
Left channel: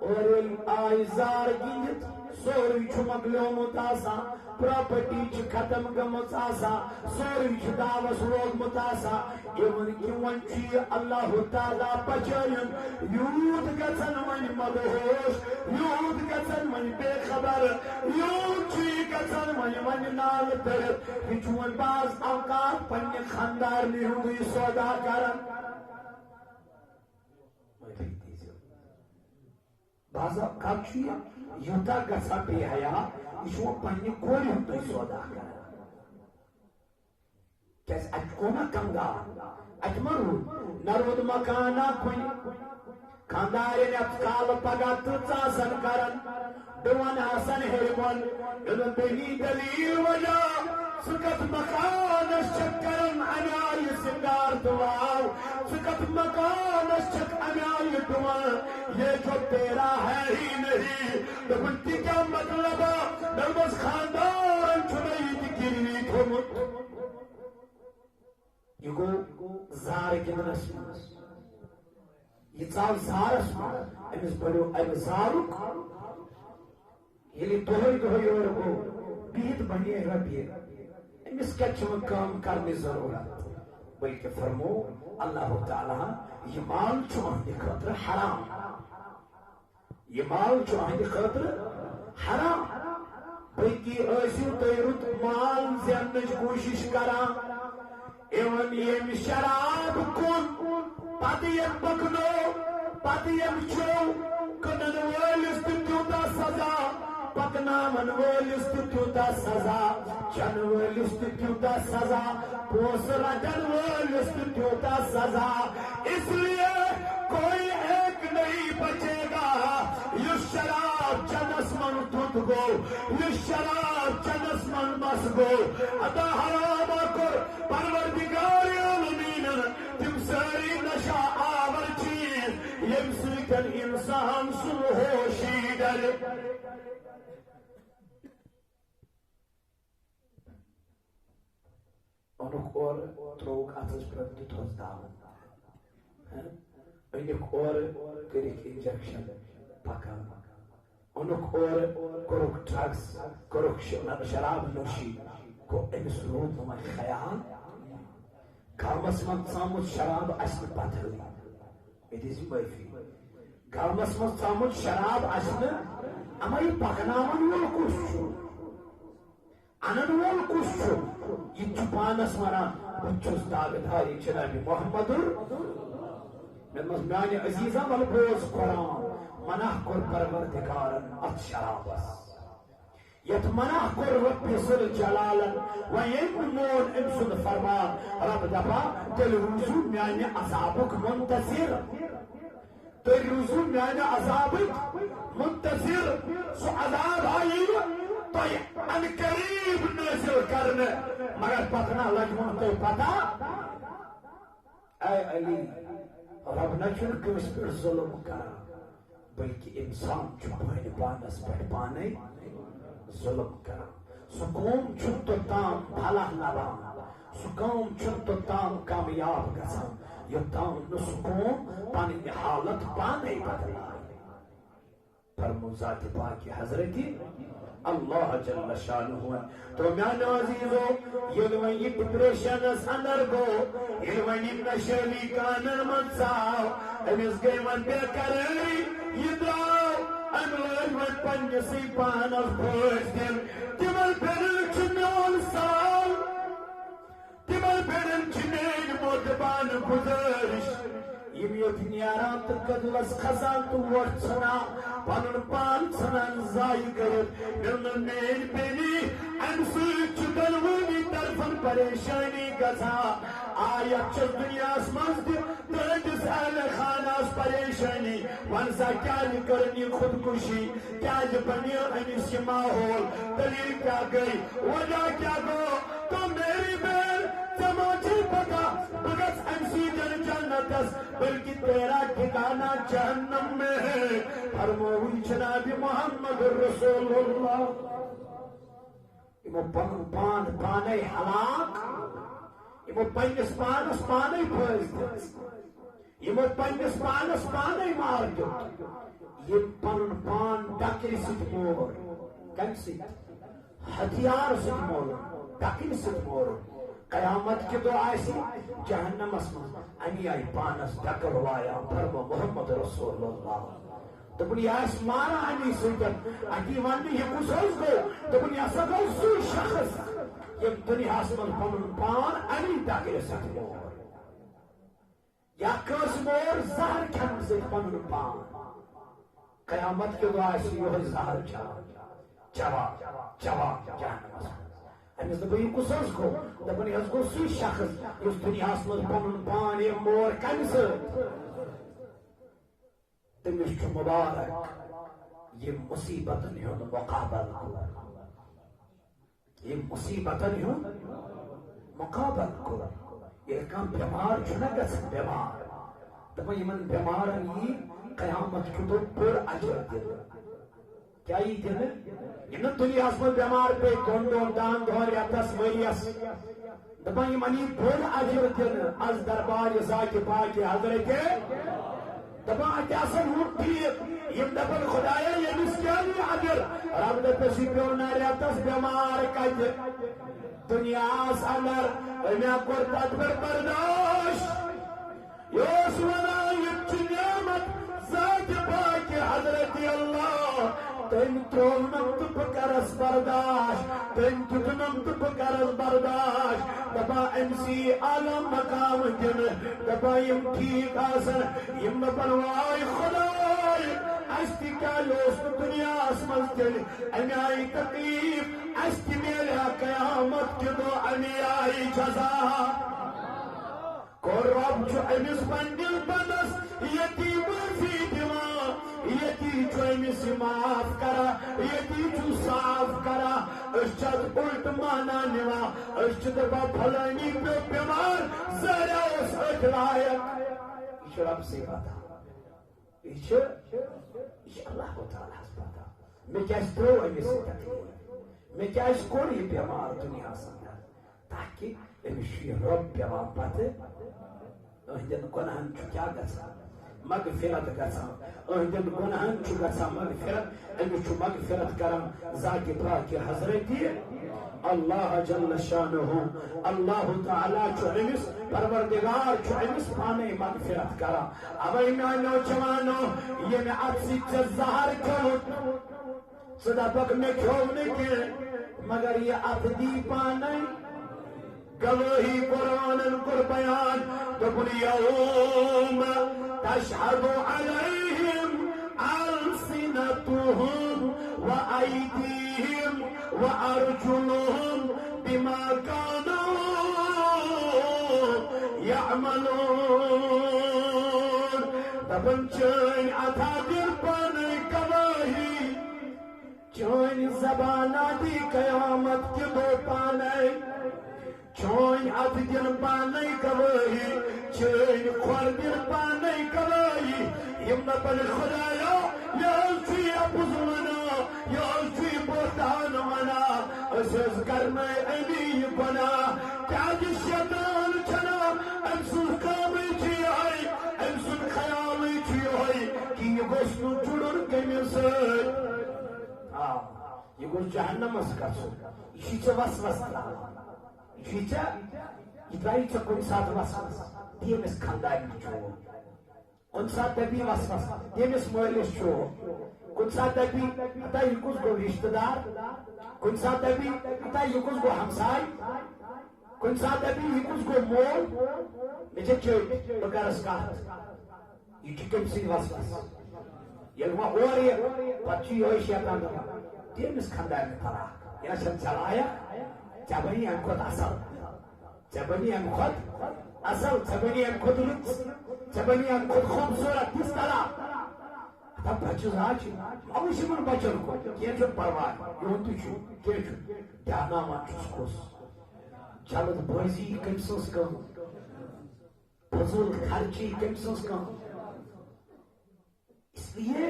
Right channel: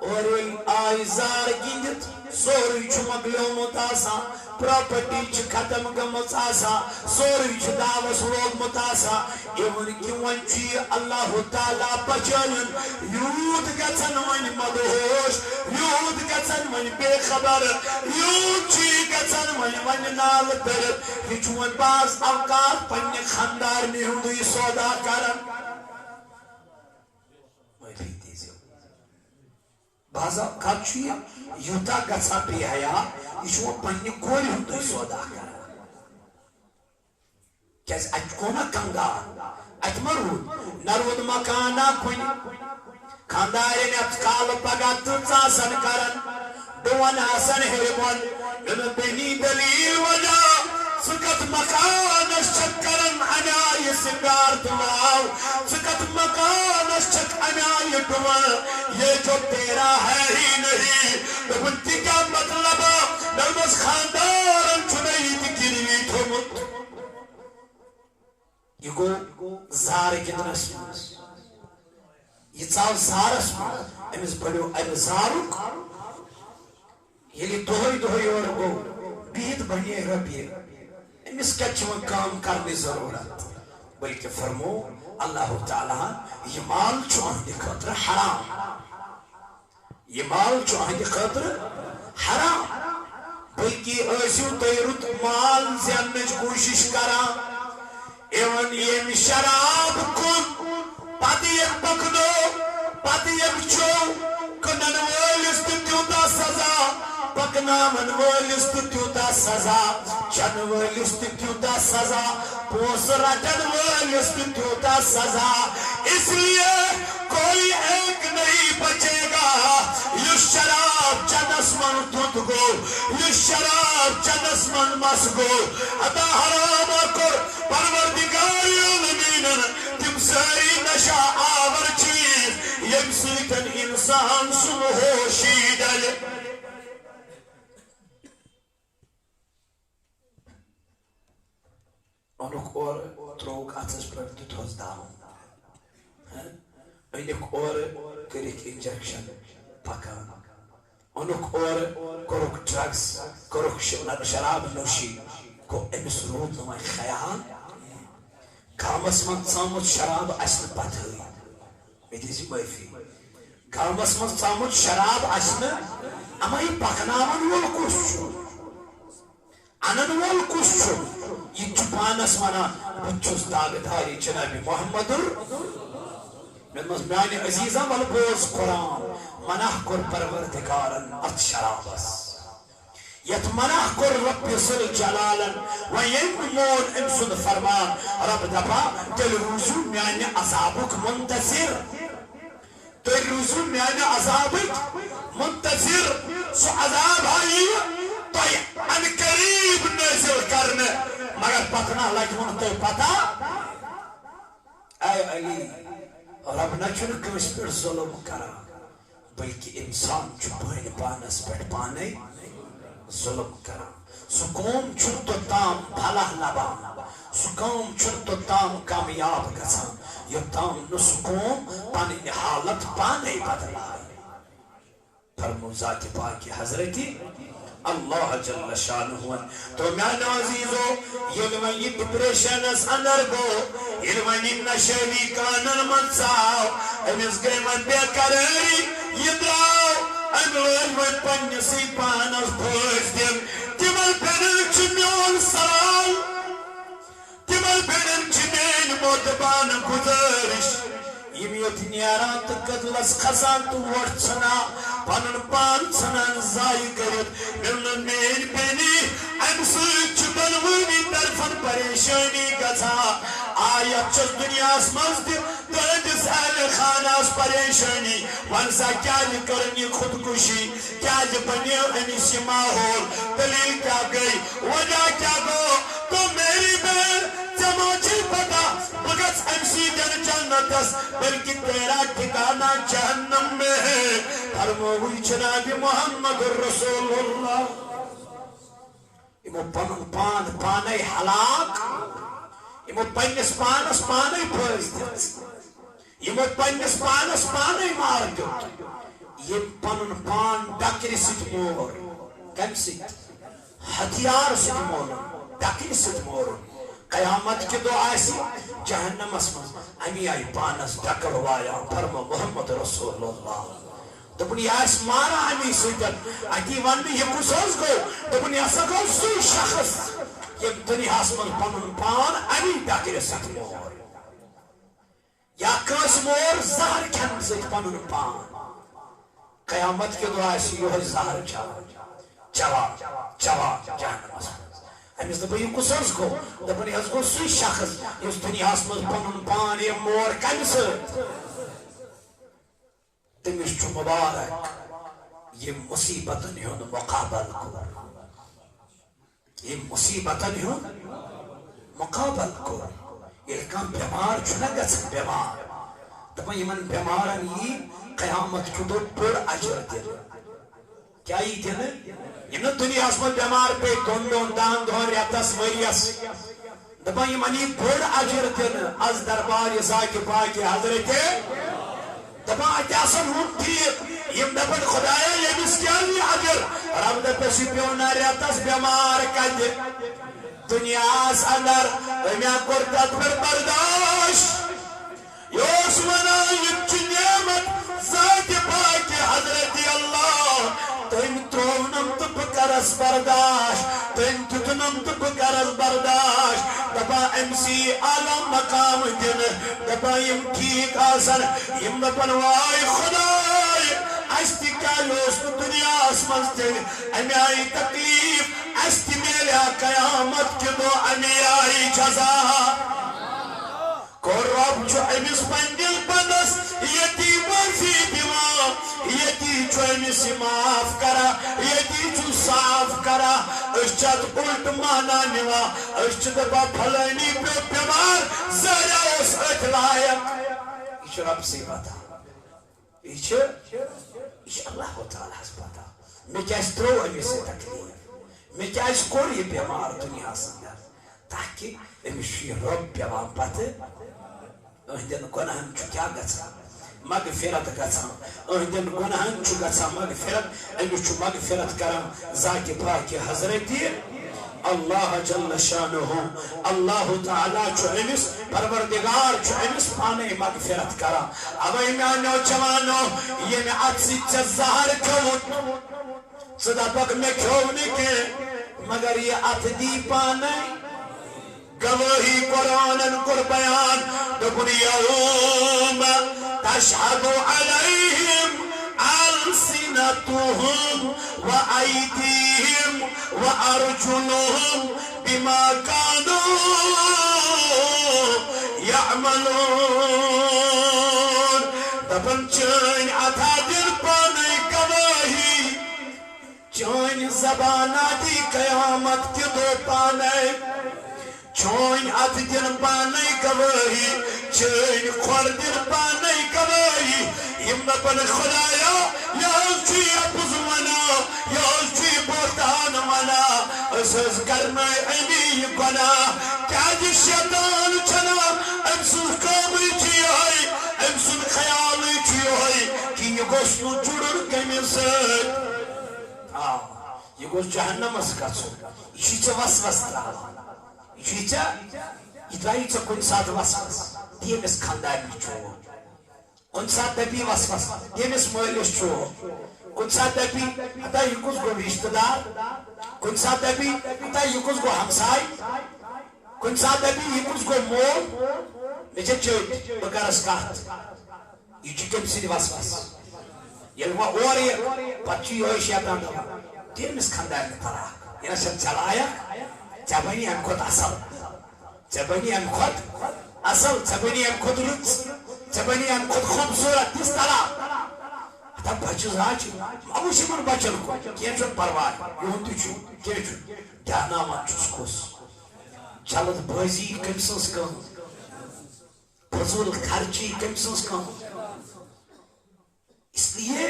اور ییٚلہِ آیہِ زار گِنٛدِتھ سورُے چھُ مۄکلیومُت آسان پراپرٹی چھ ختم گمت آسا سوری چھ دعوس لوگمت آسا ایون کی ونچی اللہ تعالیٰ بچائن یود گچن ون مدہوش یود گچن ون بے خبر یود چی گچن ون نال در یہ چون باز اوقات پنی خاندار میں ہوں سودا کرن بعض اوقات چھ یوتا گچا بے حیا یہ پنہ کورِ ہُنٛد سودا کران کیازِ اتہِ گوٚو نا کنگار اتہِ ما روٗد نہ روٗد مکانا کُنہِ خاندارٮ۪ن یتھ کالہٕ پگاہ تہٕ ژاسن کران بہٕ ونہٕ ہسن ہیٚرِ بۄن ییٚلہِ بیٚنی دلیٖل وجہ ژٕ کتھ مکانس چھکھ کران انیایہِ سِنگار تہٕ واو ژٕ کتھ مکانس چھکھ انیایہِ ڈُوَل یہ جو تیرا ہے ہی نہیں دوٚپُن تہِ کیٛاہ مطلب نلبس خاندارن چھُنہٕ ییٚتہِ گِروی تھوٚمُت یہ گوٚو زار گِنٛدنس منٛز یہ ژاو زارس منٛز أمِس بڑیو امہِ زارُک ییٚلہِ دۄہے دۄہے یورٕ گوٚو بِہِتھ بنے رۄپیہِ أمِس کتہِ چھِ وۄنۍ کٲم کرنٕچ ضروٗرت بلکہ فرمو اللہ تعالیٰ یہ مال چھُ أہنٛدِ خٲطرٕ حرام یہ مال چھُ أہنٛدِ خٲطرٕ حرام بلکہ ٲسِو تُہۍ رُت مال زیننٕچ کوٗشِش کران ایون یم شراب کُن پتہٕ یم پکنو پتہٕ یم چو کٕنن وٲلِس تہِ تیوٗتاہ سزا پکناون وٲلِس تہِ تیوٗتاہ سزا چنہٕ وٲلِس تہِ تیوٗتاہ سزا پونٛسہٕ رٹن وٲلِس تہِ تیوٗتاہ سزا اس لیے کوئی ایک نہیں بچے گا یُس شراب چنس من دھُت گوٚو یُس شراب چنس من مس گوٚو عطا حرامہ کوٚر پروردگار عالمینن تِم سٲری نشہ آور چیٖز ییٚمہِ سۭتۍ انسان سُنٛد ہوشی ڈلہِ اونُکھ اورٕ ترٛووُکھ اتھس پٮ۪ٹھ دِتہوس دم أنِکھ اورٕ کٔرِکھ انجکشن پکان اونُکھ اورٕ کوٚرُکھ ڈرگس کوٚرُکھ شراب نوشی گوٚو أمِس روٗد نہٕ وۄنۍ خیال گامس منٛز ژامُت شراب آسہِ نہٕ پتہٕ مےٚ دِژ معٲفی گامس منٛز ژامُت شراب آسہِ نہٕ اما یہِ پکناون وول کُس چھُ انن وول کُس چھُ یہِ چھُ پانس ونان بہٕ چھُس داغدارِ جنابِ محمد میانہِ عزیزا ول بوز قرآن منع کوٚر پروردگارن اتھ شرابس یتھ منع کوٚر رب ذل جلالن وۄنۍ ییٚمۍ مون أمۍ سُنٛد فرمان رب دپان تیٚلہِ روٗزِو میانہِ عذابُک منتظر تُہۍ روٗزِو میانہِ عذابٕکۍ منتظر سُہ عذاب ہایہِ تۄہہِ ان قریب نٲزِل کرنہٕ مگر پکنہ لگوٕ نہٕ تۄہہِ پتہ اے علی رب نہ چھُنہٕ کٲنٛسہِ پٮ۪ٹھ ظُلم کران بلکہ انسان چھپائن پانس پٹ پانے ظلم کرا سکوم چھن تو تام بھلا نبان سکوم چھن تو تام کامیاب گسا یہ تام نسکوم پانی حالت پانے بدلائی فرمو ذات پاکی حضرتی اللہ جل شانہ تو میانو عزیزو یلوان یہ ڈپریشن اس اندر گو یلوان یہ نشیلی کانن منساو امیز گئی من بے قراری یہ دراو انوان پنسی پانس پوش دیم تیمل پینن چمیون سراو تیمل پینن چمین موتبان گزارش یمیت نیاران تکدلس خزان تو وٹ سنا پانن پان سنان زائی کرد ملن مین پینی امسوچ بلونی طرفن پریشانی گزا آیت چس دنیا اسمز دی دردس اہل خاناس پریشانی ونسا کیا کرنی خودکشی کیا بنی امیسی ماحول دلیل کیا گئی وجہ کیا گو تو میری بین جماچی پتا بگس امسی جن جنتس بلکہ تیرا ٹھکانا جہنم میں ہے فرموی جناب محمد رسول اللہ امو پنن پان پانے حلاق امو پنس پانس پانے پھیس دیت امو پنس پانس پانے مار دیت یہ پنن پان ڈکر ست مور کم ست ہتھیار ست مور ڈکر ست مور قیامت کے دو آئیسی جہنم اسمز امی آئی پانس ڈکر وایا فرمو محمد رسول اللہ دبنی آئیس مارا امی سیدن اکی ونی یہ کسوز گو دبنی ایسا گو سوی شخص یہ دنیا اسمز پنن پان امی ڈکر ست مور یا کس مور زہر کھن ست پنن پان قیامت کے دو آئیسی یہ زہر چوا جہنم اسمز امیز دبا یہ کسوز گو دبنی از گو سوی شخص اس دنیا اسمز پنن پان یہ مور کم ست تمش چو مبارک یہ مصیبتن ہون مقابل کو یہ مصیبتن ہون مقابل کو یہ کام بیمار چھنا گسن بیمار دبا یہ من بیمارن یہ قیامت کو دو پر اجر دل کیا یہ دل یہ دنیا اسمن بیمار پہ دون دان دون ریتس وریس دبا یہ منی پر اجر دل از دربار ذات پاک حضرت دبا اتیاسن ہون ٹھیک یہ دبن خدایا یہ مسکیانی اجر رب دپسی پیونا ریتس بیمار کج دنیا اس اندر امیا کرتت پر برداشت یوس ونا یہ نعمت ذات پاک حضرت اللہ تم ترونم تو بکرس برداشت تم تتنم تو بکرس برداشت دبا امسی عالم مقام دن دبا یم ٹھیک آسن یم بنوائی خدای استی کالوس دنیا اسمز دن امی آئی تکلیف استی میلیا قیامت کے دو امی آئی جزا کو رب جو امیس پندل پندس یتی برفی دیما یتی جو امیسی معاف کرا یتی جو صاف کرا اشچت الٹ مانا نوا اشچت با پھلانی پہ بیمار زیرہ اس اطلائق ایش رب سے بتا ایش اللہ تعالیٰ سے بتا میں کیا اس ترو امیسی تکلیف میں کیا اس کوری بیمار دنیا سنگر تاکہ امیشی رب بیمار پتے اہدن گناہن چو کیا گھا مغفرت گھا اہدن گناہن چو گھا مغفرت امیش چو مغفرت کرم ذات پاک حضرتی اللہ جل شانہ اللہ تعالیٰ چو امیس پروردگار چو امیس پانے مغفرت کرم اب ایمانو چوانو یہ میں عدسی چزہر کھوٹ صدا پاک میں کھونے کے مگر یہ عددی پانے گواہی قرآن کر بیان دکن یوم تشہد علیہم السنتهم وایدیہم وارجلهم بما كانوا يعملون دبن چین عطا دل پانے گواہی چین زبانہ دی قیامت کے دو پانے چون ات دن پانے گواہی چین خوردر پانے کبائی یمنپن خدایا یازچی اپز منا یازچی بوتان منا اسز کرنا امی گنا کاج شیطان چنا امسن کامی چی ہوئی امسن خیالی چی ہوئی کہ یہ گوشنو جڑر کمی سید یہ گوش جہنم اس کچھو یہ چا وسوس تراوا یہ چا اترائی چا کن ساتھ وسوس دیم اس خاندانی چھو کن ساتھ دبی وسوس دیم اس مویلش چھو کن ساتھ دبی اتا یہ کس گو رشتہ دار کن ساتھ دبی اتا یہ کس گو ہمسائی کن ساتھ دبی یہ کس گو مول مجھے چوٹ بگرس کارت یہ چکم سید وسوس یہ وہ اور یہ پچی ہوئی شیطان دوا دیم اس خاندانی ترا یہ نشن چلایا چبنی ہم خود اصل چبنی ہم خود اصل چبنی ہم خود رچ چبنی ہم خود خوبصورت کس طرح تب بچز آج اوشی من بچن کو کیا چھو پروائی یہون تو چھو کیا چھو جانا من چھوس کوس چلت بازی کمسنس کن فضول خرچی کمسنس کن اس لیے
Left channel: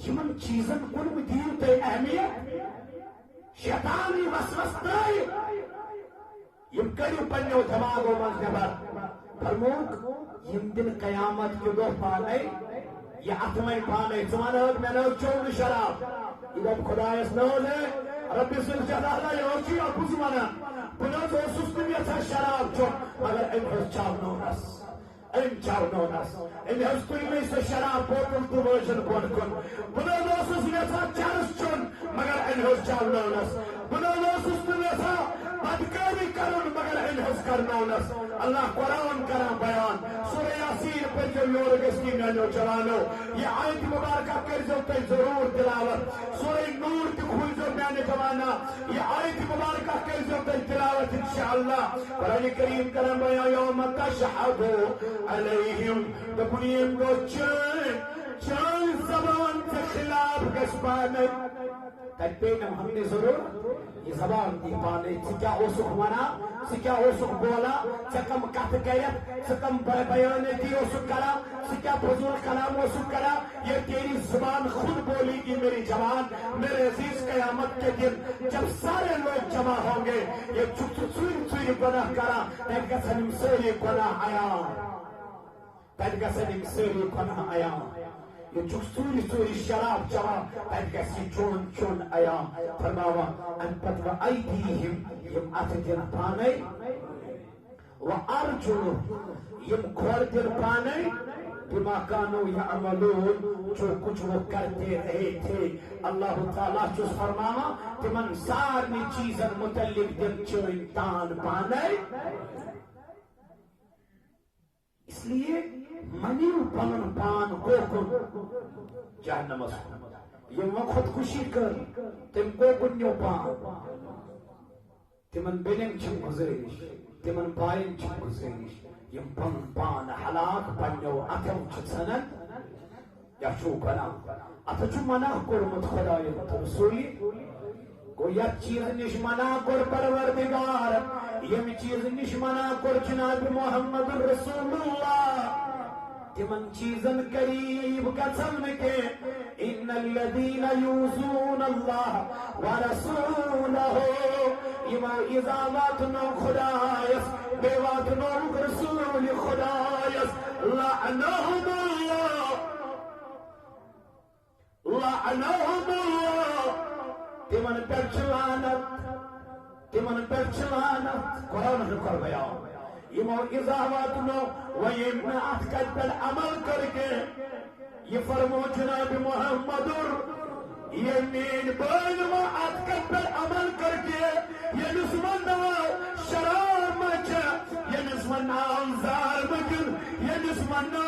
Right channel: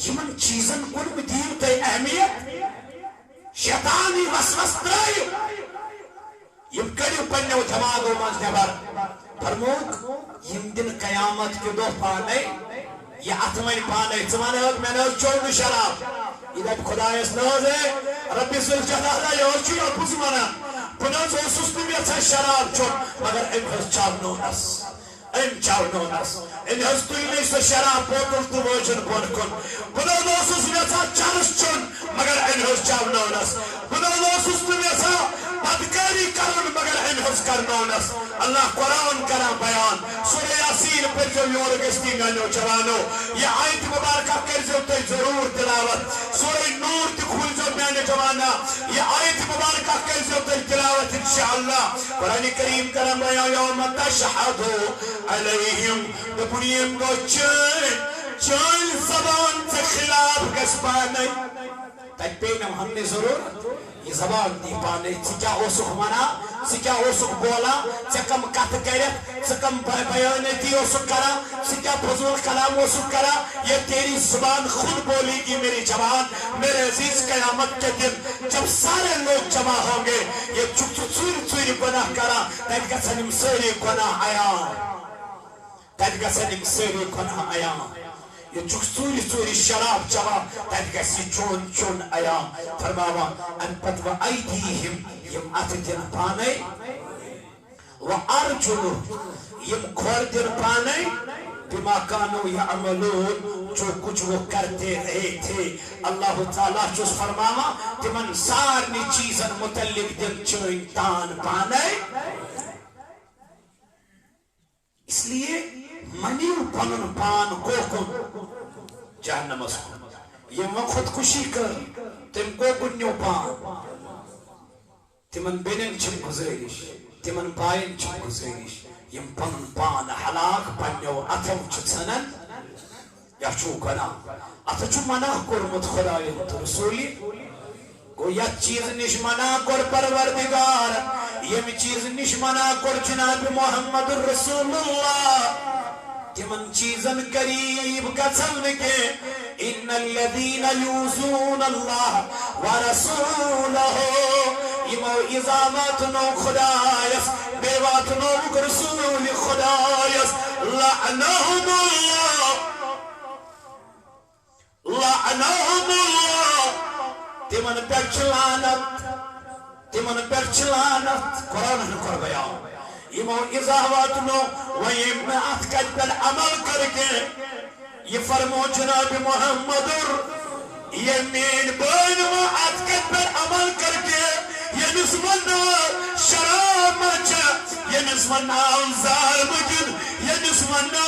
یمن چیزن کن دیو تے اہمیت شیطانی وسوس ترائیو یم کڑیو پنیو دماغو منز نبر فرموک یم دن قیامت کے دو پانے یہ اتمین پانے زمانے ہوگ میں نے چون شراب ادھا خدا اس نوز ہے ربی سل جلالہ یہ اور چیو پوز مانا پنوز حسوس نمیت سے شراب چون مگر امہز چاو نونس ان ہستوی میں سے شراب بوتل تو موجن بون کن بنو دوسوس ویسا چارس چون مگر ان ہس چاونونس بنو دوسوس تو ویسا بدکاری کرن مگر ان ہس کرنونس اللہ قرآن کرا بیان سورہ یاسین پر جو یور گستی میں جوانو یہ آیت مبارکہ کر جو تے ضرور تلاوت سورہ نور تے کھول جو میں جوانا یہ آیت مبارکہ کر جو تے تلاوت انشاءاللہ قرآن کریم کرا بیان یوم تشہدو علیہم دپنیم کو چین زبان سے خلاف گس پانے تج پینم ہم نے ضرور یہ زبان دی پانے سکیا اوسک منا سکیا اوسک بولا سکم کت کرت سکم بیانتی اوسک کرا سکیا فضول کلام اوسک کرا یہ تیری زبان خود بولی گی میری جوان میرے عزیز قیامت کے دن جب سارے لوگ جمع ہوں گے یہ چوری گناہ کرا تج کا سنم سوری گناہ آیا تدگا سنم سری کنا آیا یہ چوری شراب چوا تدگا سی چون آیا فرماوا ان پت و ایدیہم یم اتدن پانے و ارجلو یم کھوردن پانے بما کانو یعملون جو کچھ وہ کرتے رہے تھے اللہ تعالیٰ چوس فرماوا تمن سارنی چیزن متعلق دل چوئن تان پانے اس لیے منیو پنن پان کوکن جہنم اس کو یہ من خودکشی کر تم کوکن نیو پان تمن بینن چھم گزریش تمن پائن چھم گزریش یم پنن پان حلاق پنیو اتو چھتسنن یا چو کنا اتو چو منع کرمت خدای رسولی کو یا چیز نش منع کر پروردگار یم چیز نش منع کر جناب محمد رسول اللہ تمن چیزن قریب کسل کے ان الذین یوزون اللہ ورسولہ یمو اضامات نو خدایس بیوات نو رسول خدایس لعنہم اللہ تمن پر چلانت قرآن کر بیان یمو اضافات نو ویم میں اتکت پر عمل کر کے یہ فرمو جناب محمد یمین بین میں اتکت پر عمل کر کے یہ نسمنا شراب مچا یہ نسمنا ظالم جن یہ نسمنا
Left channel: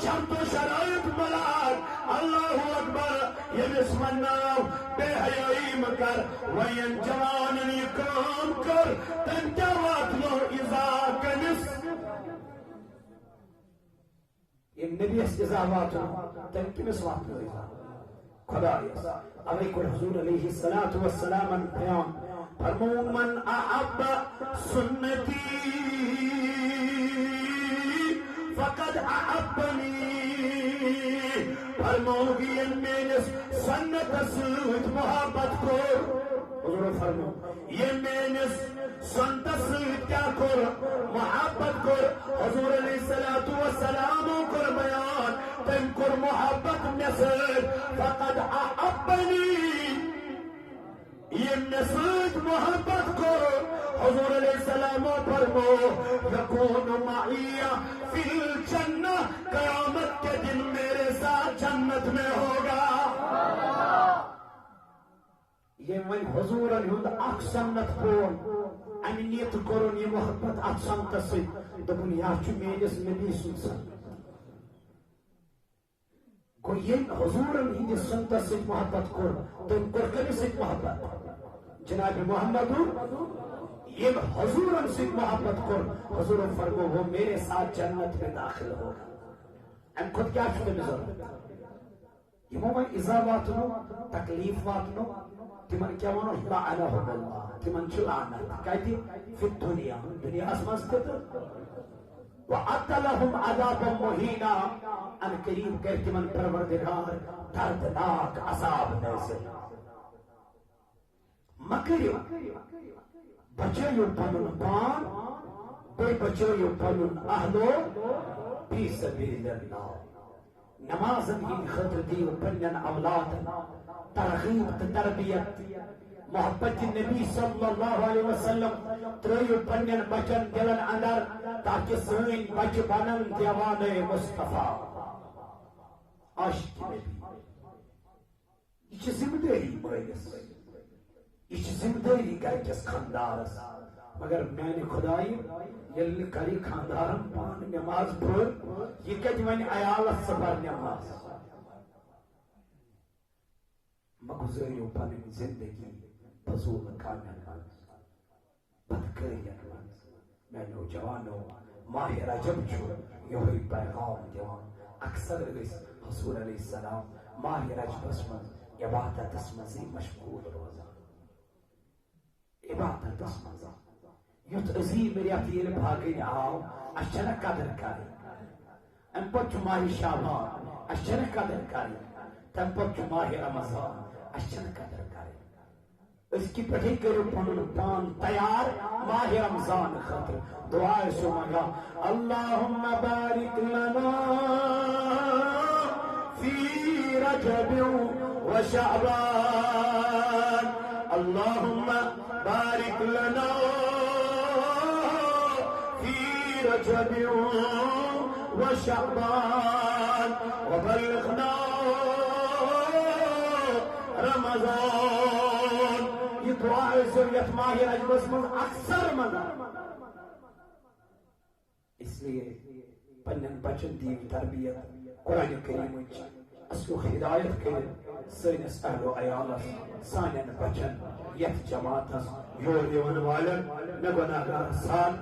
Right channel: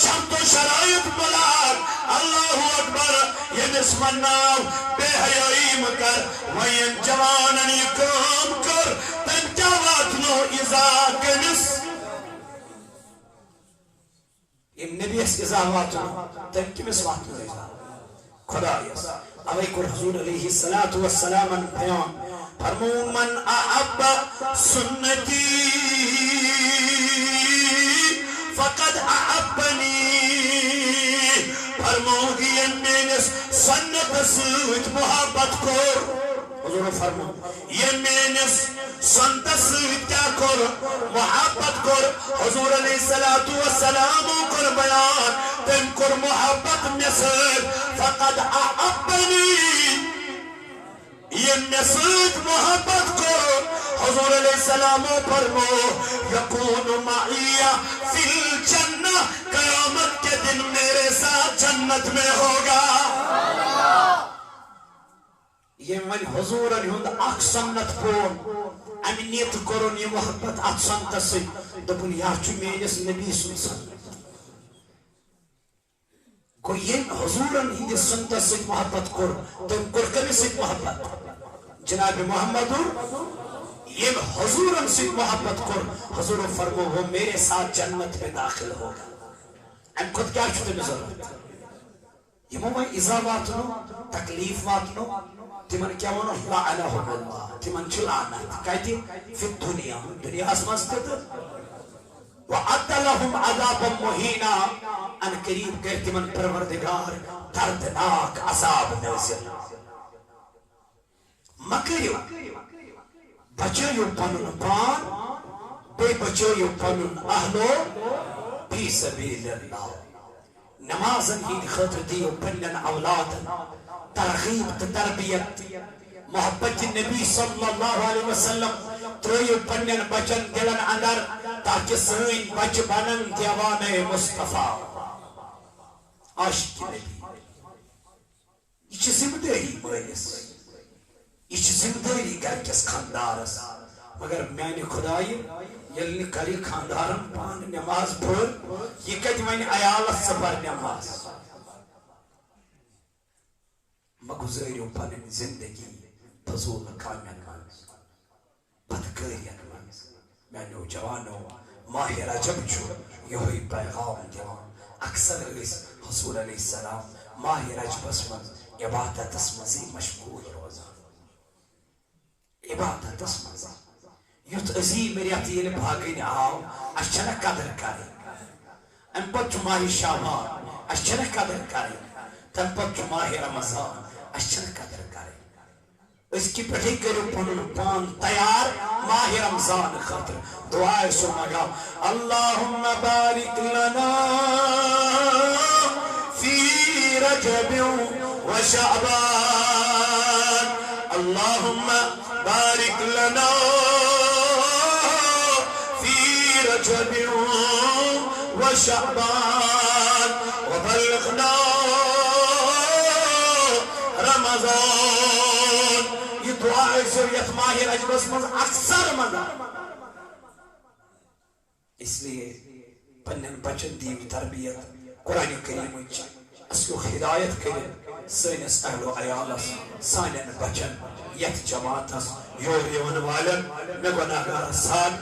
شمت و شرائط ملال اللہ اکبر یہ نسمنا بے حیائی مکر ویم جواننی کام کر تنجاوات نو ازاک نس یہ نبی اس ازاوات نو تنکمس وقت نو ازاک خدا یس علیکر حضور علیہ السلام بیان فرمون من احب سنتی سوت محبت کور حضور فرمو یہ میانس سنت سوت کیا کور محبت کور حضور علیہ السلام کور بیان تم کور محبت نسد فقد احبنی یہ نسد محبت کور حضور علیہ السلام فرمو یکون معی فی الجنہ قیامت کے دن میرے ساتھ جنت میں ہوگا یہ من حضور علیہ اخ سنت کون امنیت کرون یہ محبت ات سنت سی دپن یا چھ میانس نبی سن سنت کو یہ حضور علیہ سنت سی محبت کر تم کر کمی سی محبت جناب محمد یہ حضور سے محبت کر حضور فرمو وہ میرے ساتھ جنت میں داخل ہوگا ام خود کیا چھتے میں ضرورت یہ میں ازا واتنو تکلیف واتنو تمن کیا ونو لعنہم اللہ تمن چھ لعنت کہتی فی الدنیا دنیا اسماس تت وعد لهم عذابا مہینا ان قریب کر تمن پروردگار دردناک عذاب نازل مکریو بچائیو پنن پان بے بچائیو پنن اہلو فی سبیل اللہ نمازن ہی خطر دیو پنن اولاد ترغیب تربیت محبت نبی صلی اللہ علیہ وسلم تریو پنن بچن دلن اندر تاکہ سین بچ بنن دیوان مصطفیٰ عاشق نبی یہ ذمہ داری مالس یہ ذمہ داری گھر کس خاندارس مگر میں نے خدائی یل کری خاندارن پان نماز پڑھ یہ کت ون عیالس سفر نماز مگزریو پنن زندگی فضول کامن بدکاریت میں نوجوانو ماہ رجب چھو یہی پیغام دیوان اکثر اس حضور علیہ السلام ماہ رجب اسمن عبادت اسمزی مشغول روزان عبادت اسمزی یوت عظیم ریاتی بھاگین آو اشچنہ قدر کاری ام پت ماہ شعبان اشچنہ قدر کاری تم پت ماہ رمضان اشچنہ قدر کاری اس کی پٹھی کرو پنن پان تیار ماہ رمضان خاطر دعائے سو مگا اللہم بارک لنا فی رجب و شعبان اللہم بارک لنا فی رجب و شعبان وبلغنا رمضان یہ دعا ضروریت ماہ رجب میں اکثر مزا اس لیے پنن بچن دیو تربیت قرآن کریم اصل ہدایت کریں سینس اہل و عیالس سانین بچن یت جماعتس یور یون والن میں گناہگار سان